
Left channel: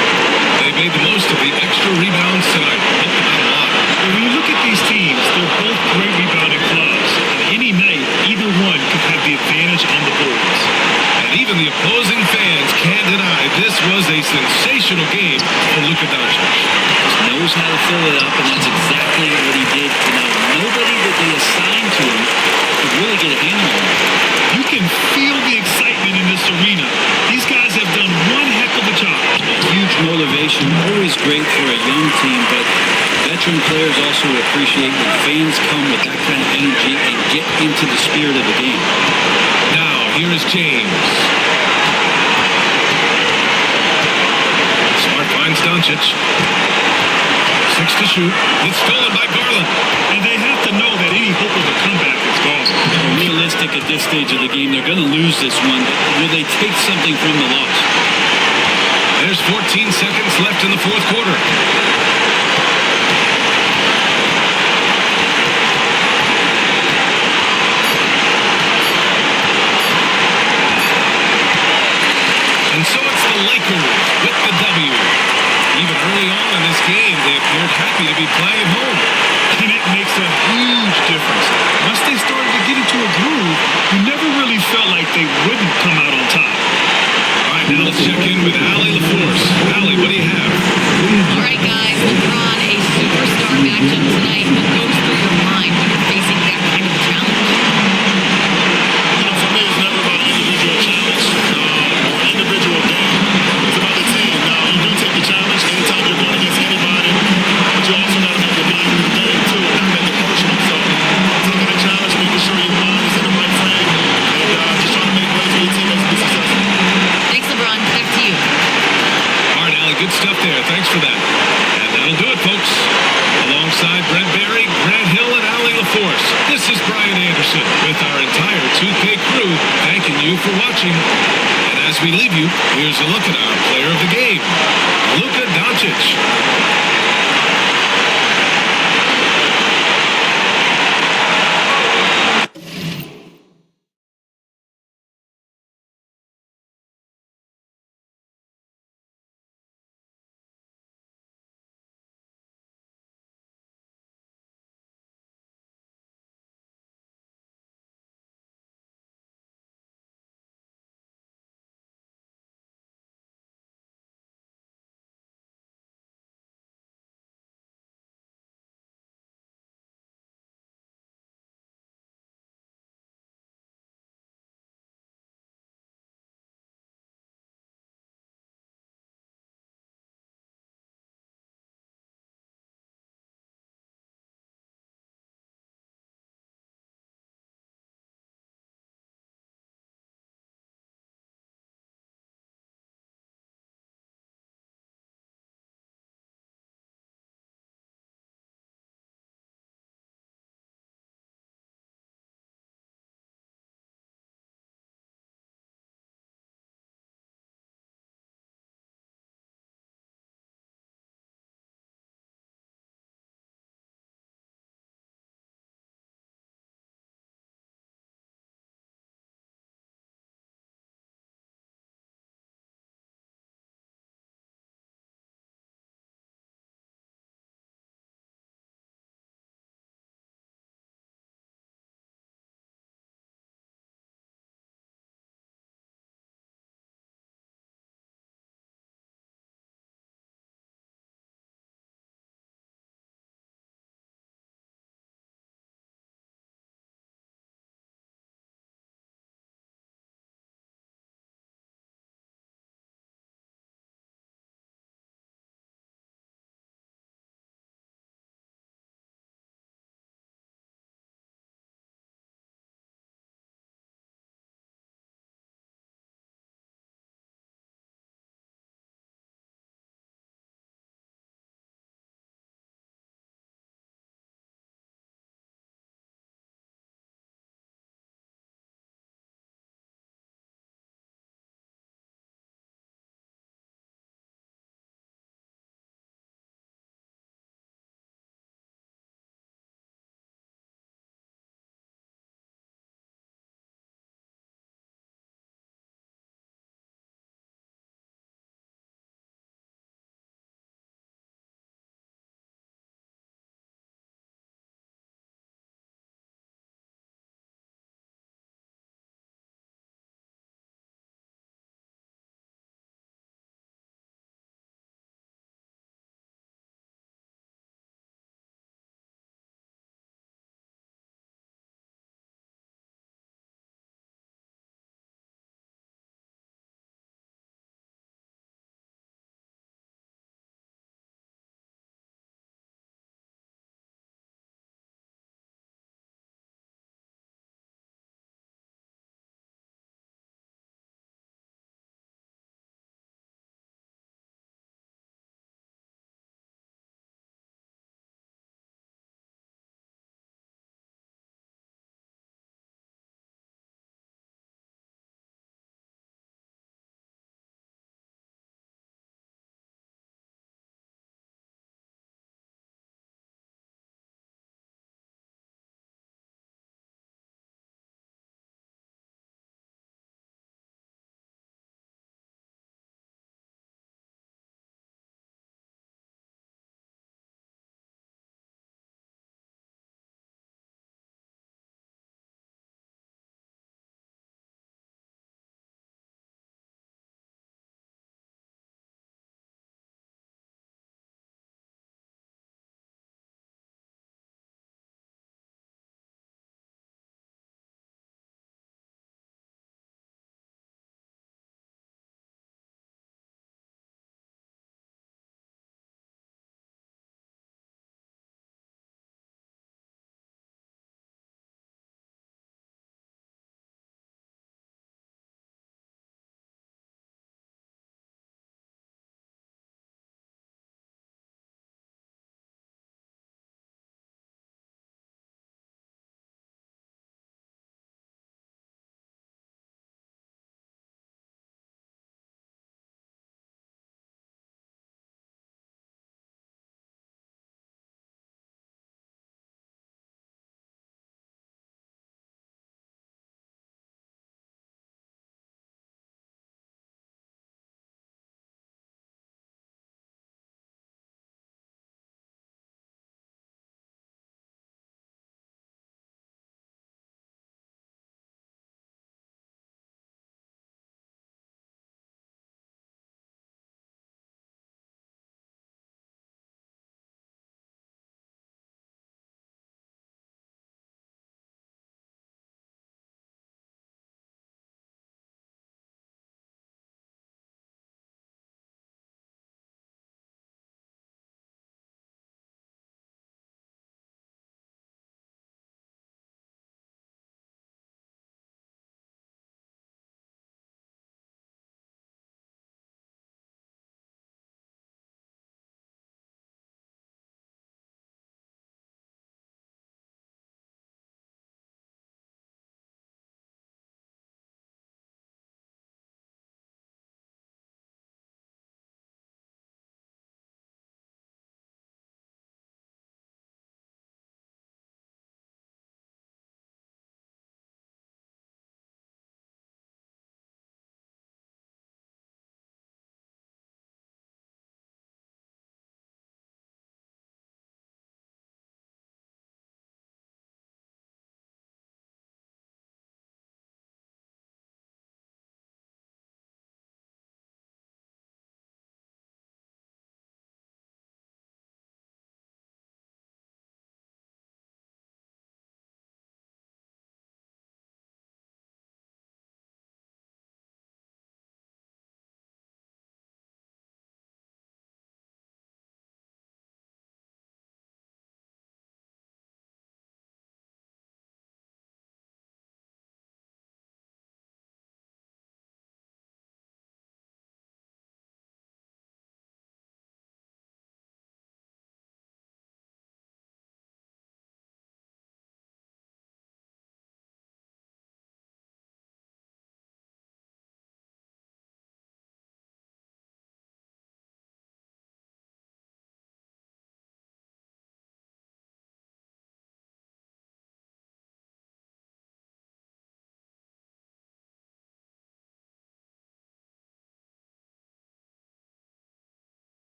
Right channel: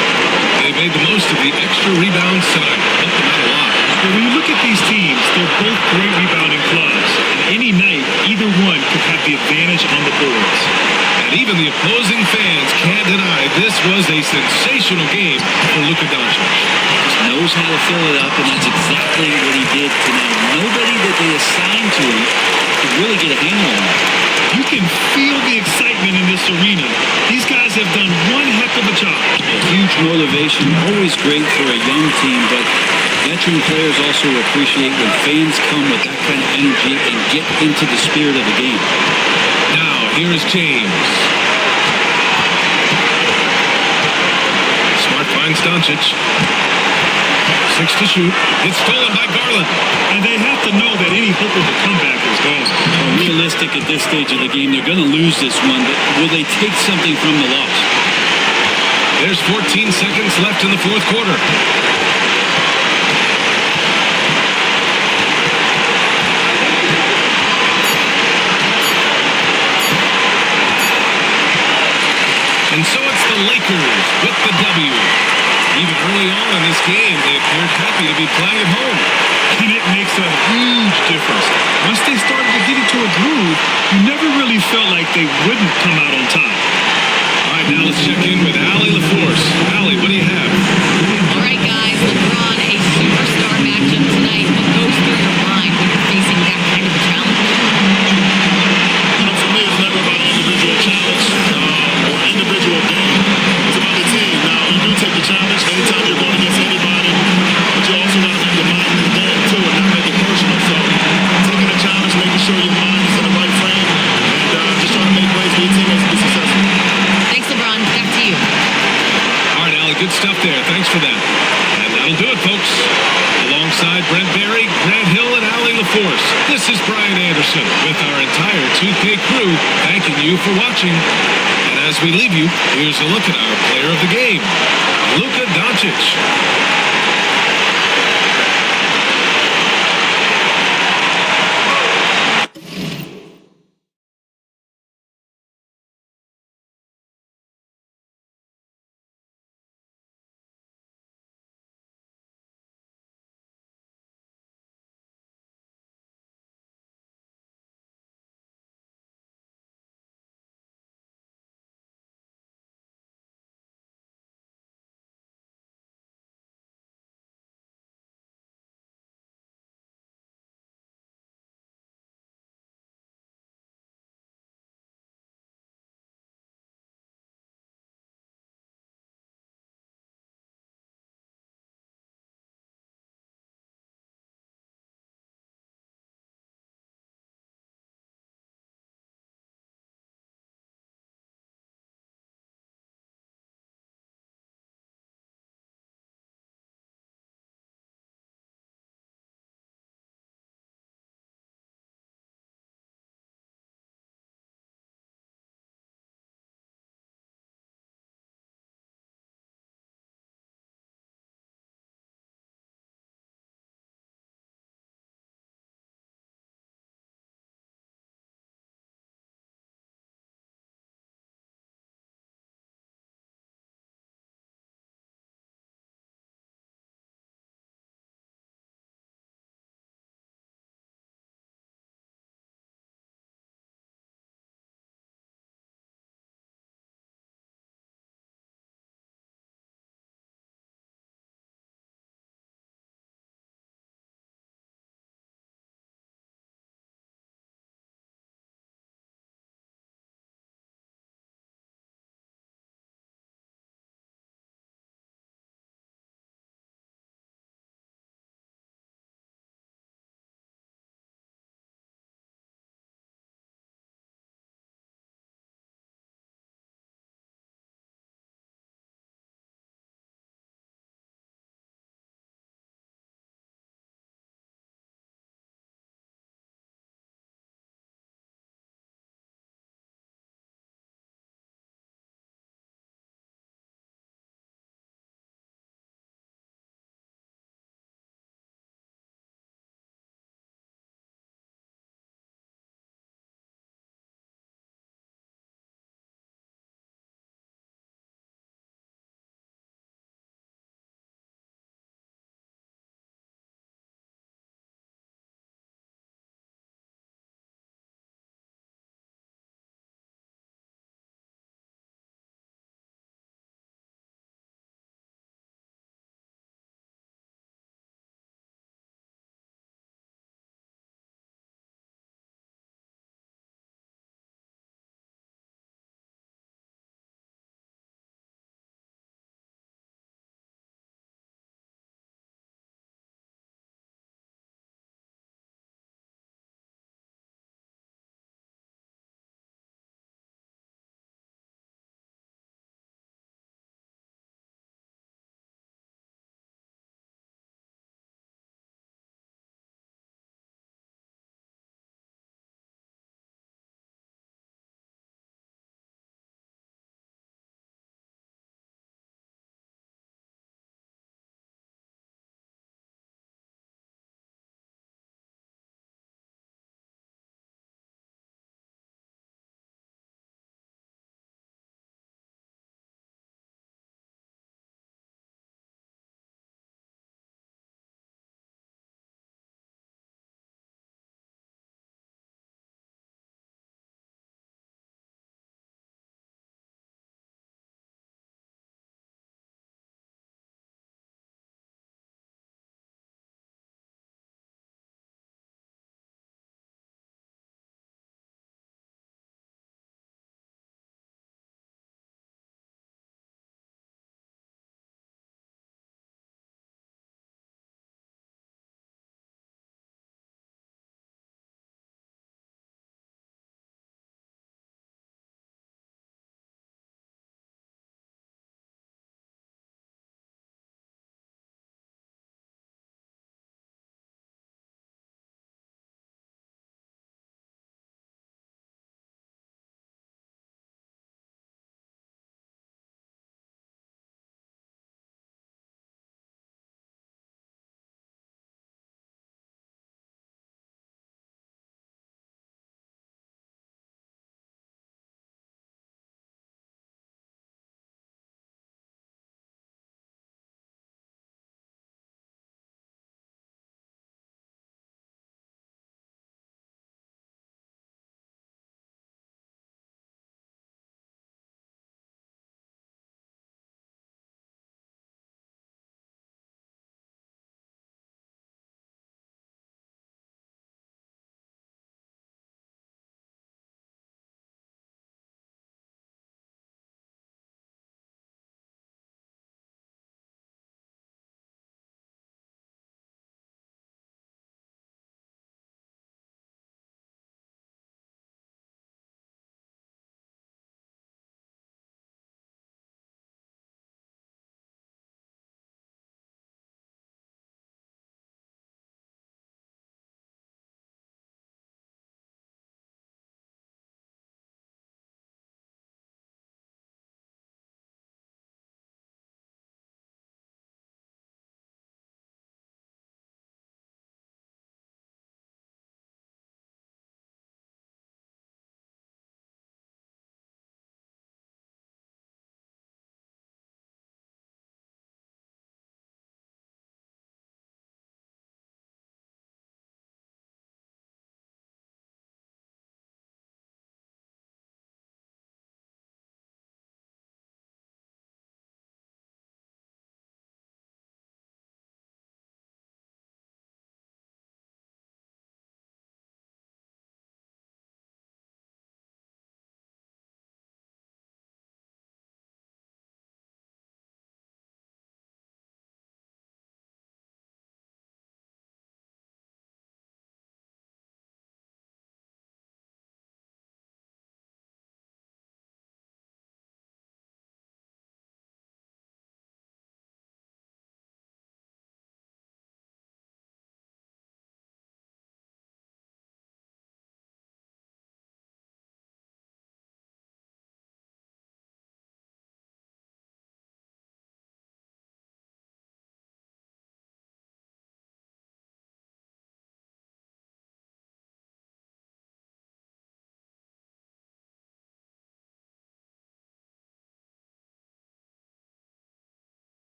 They made the most of the extra rebounds tonight. Helped them out a lot. And when you look at these teams, they're both great rebounding clubs. And any night, either one could have the advantage on the boards. And even the opposing fans can't deny this was a sensational game for Luka Dončić. Just knows how to fill it up, and that's exactly what he did tonight. Nobody that they assigned to him could really get a handle on it. You can feel the excitement in this arena. These guys have done one heck of a job. Yeah, huge motivation, always great for a young team, but veteran players also appreciate when fans come with that kind of energy and get into the spirit of the game. Now, here is James. Smart finds Dončić. 6 to shoot. It's stolen by Garland. And they have to know that any hope of a comeback is gone. Well, realistic at this stage of the game, they're going to lose this one, but will they take something from the loss? There's 14 seconds left in the fourth quarter. And so it's the Lakers with the W. Even early on in this game, they appeared happy to be playing at home. And it makes a huge difference. Once they started to get into a groove, you never really felt like they wouldn't come out on top. All right, now let's check in with Allie LaForce. Allie, what do you have? All right, guys, LeBron, a superstar matchup tonight. What goes through your mind when you're facing that kind of a challenge? You know, for me, it's never about an individual challenge or an individual game. It's about the team. Now, you do take the challenge anytime you're going against anybody, but you also got to have your mind in the game, too, and not make it personal. So Allie, good stuff there. Thanks for that. And that'll do it, folks. Alongside Brent Barry, Grant Hill, and Allie LaForce, this is Brian Anderson with our entire 2K crew thanking you for watching. And as we leave you, here's a look at our player of the game, Luka Dončić.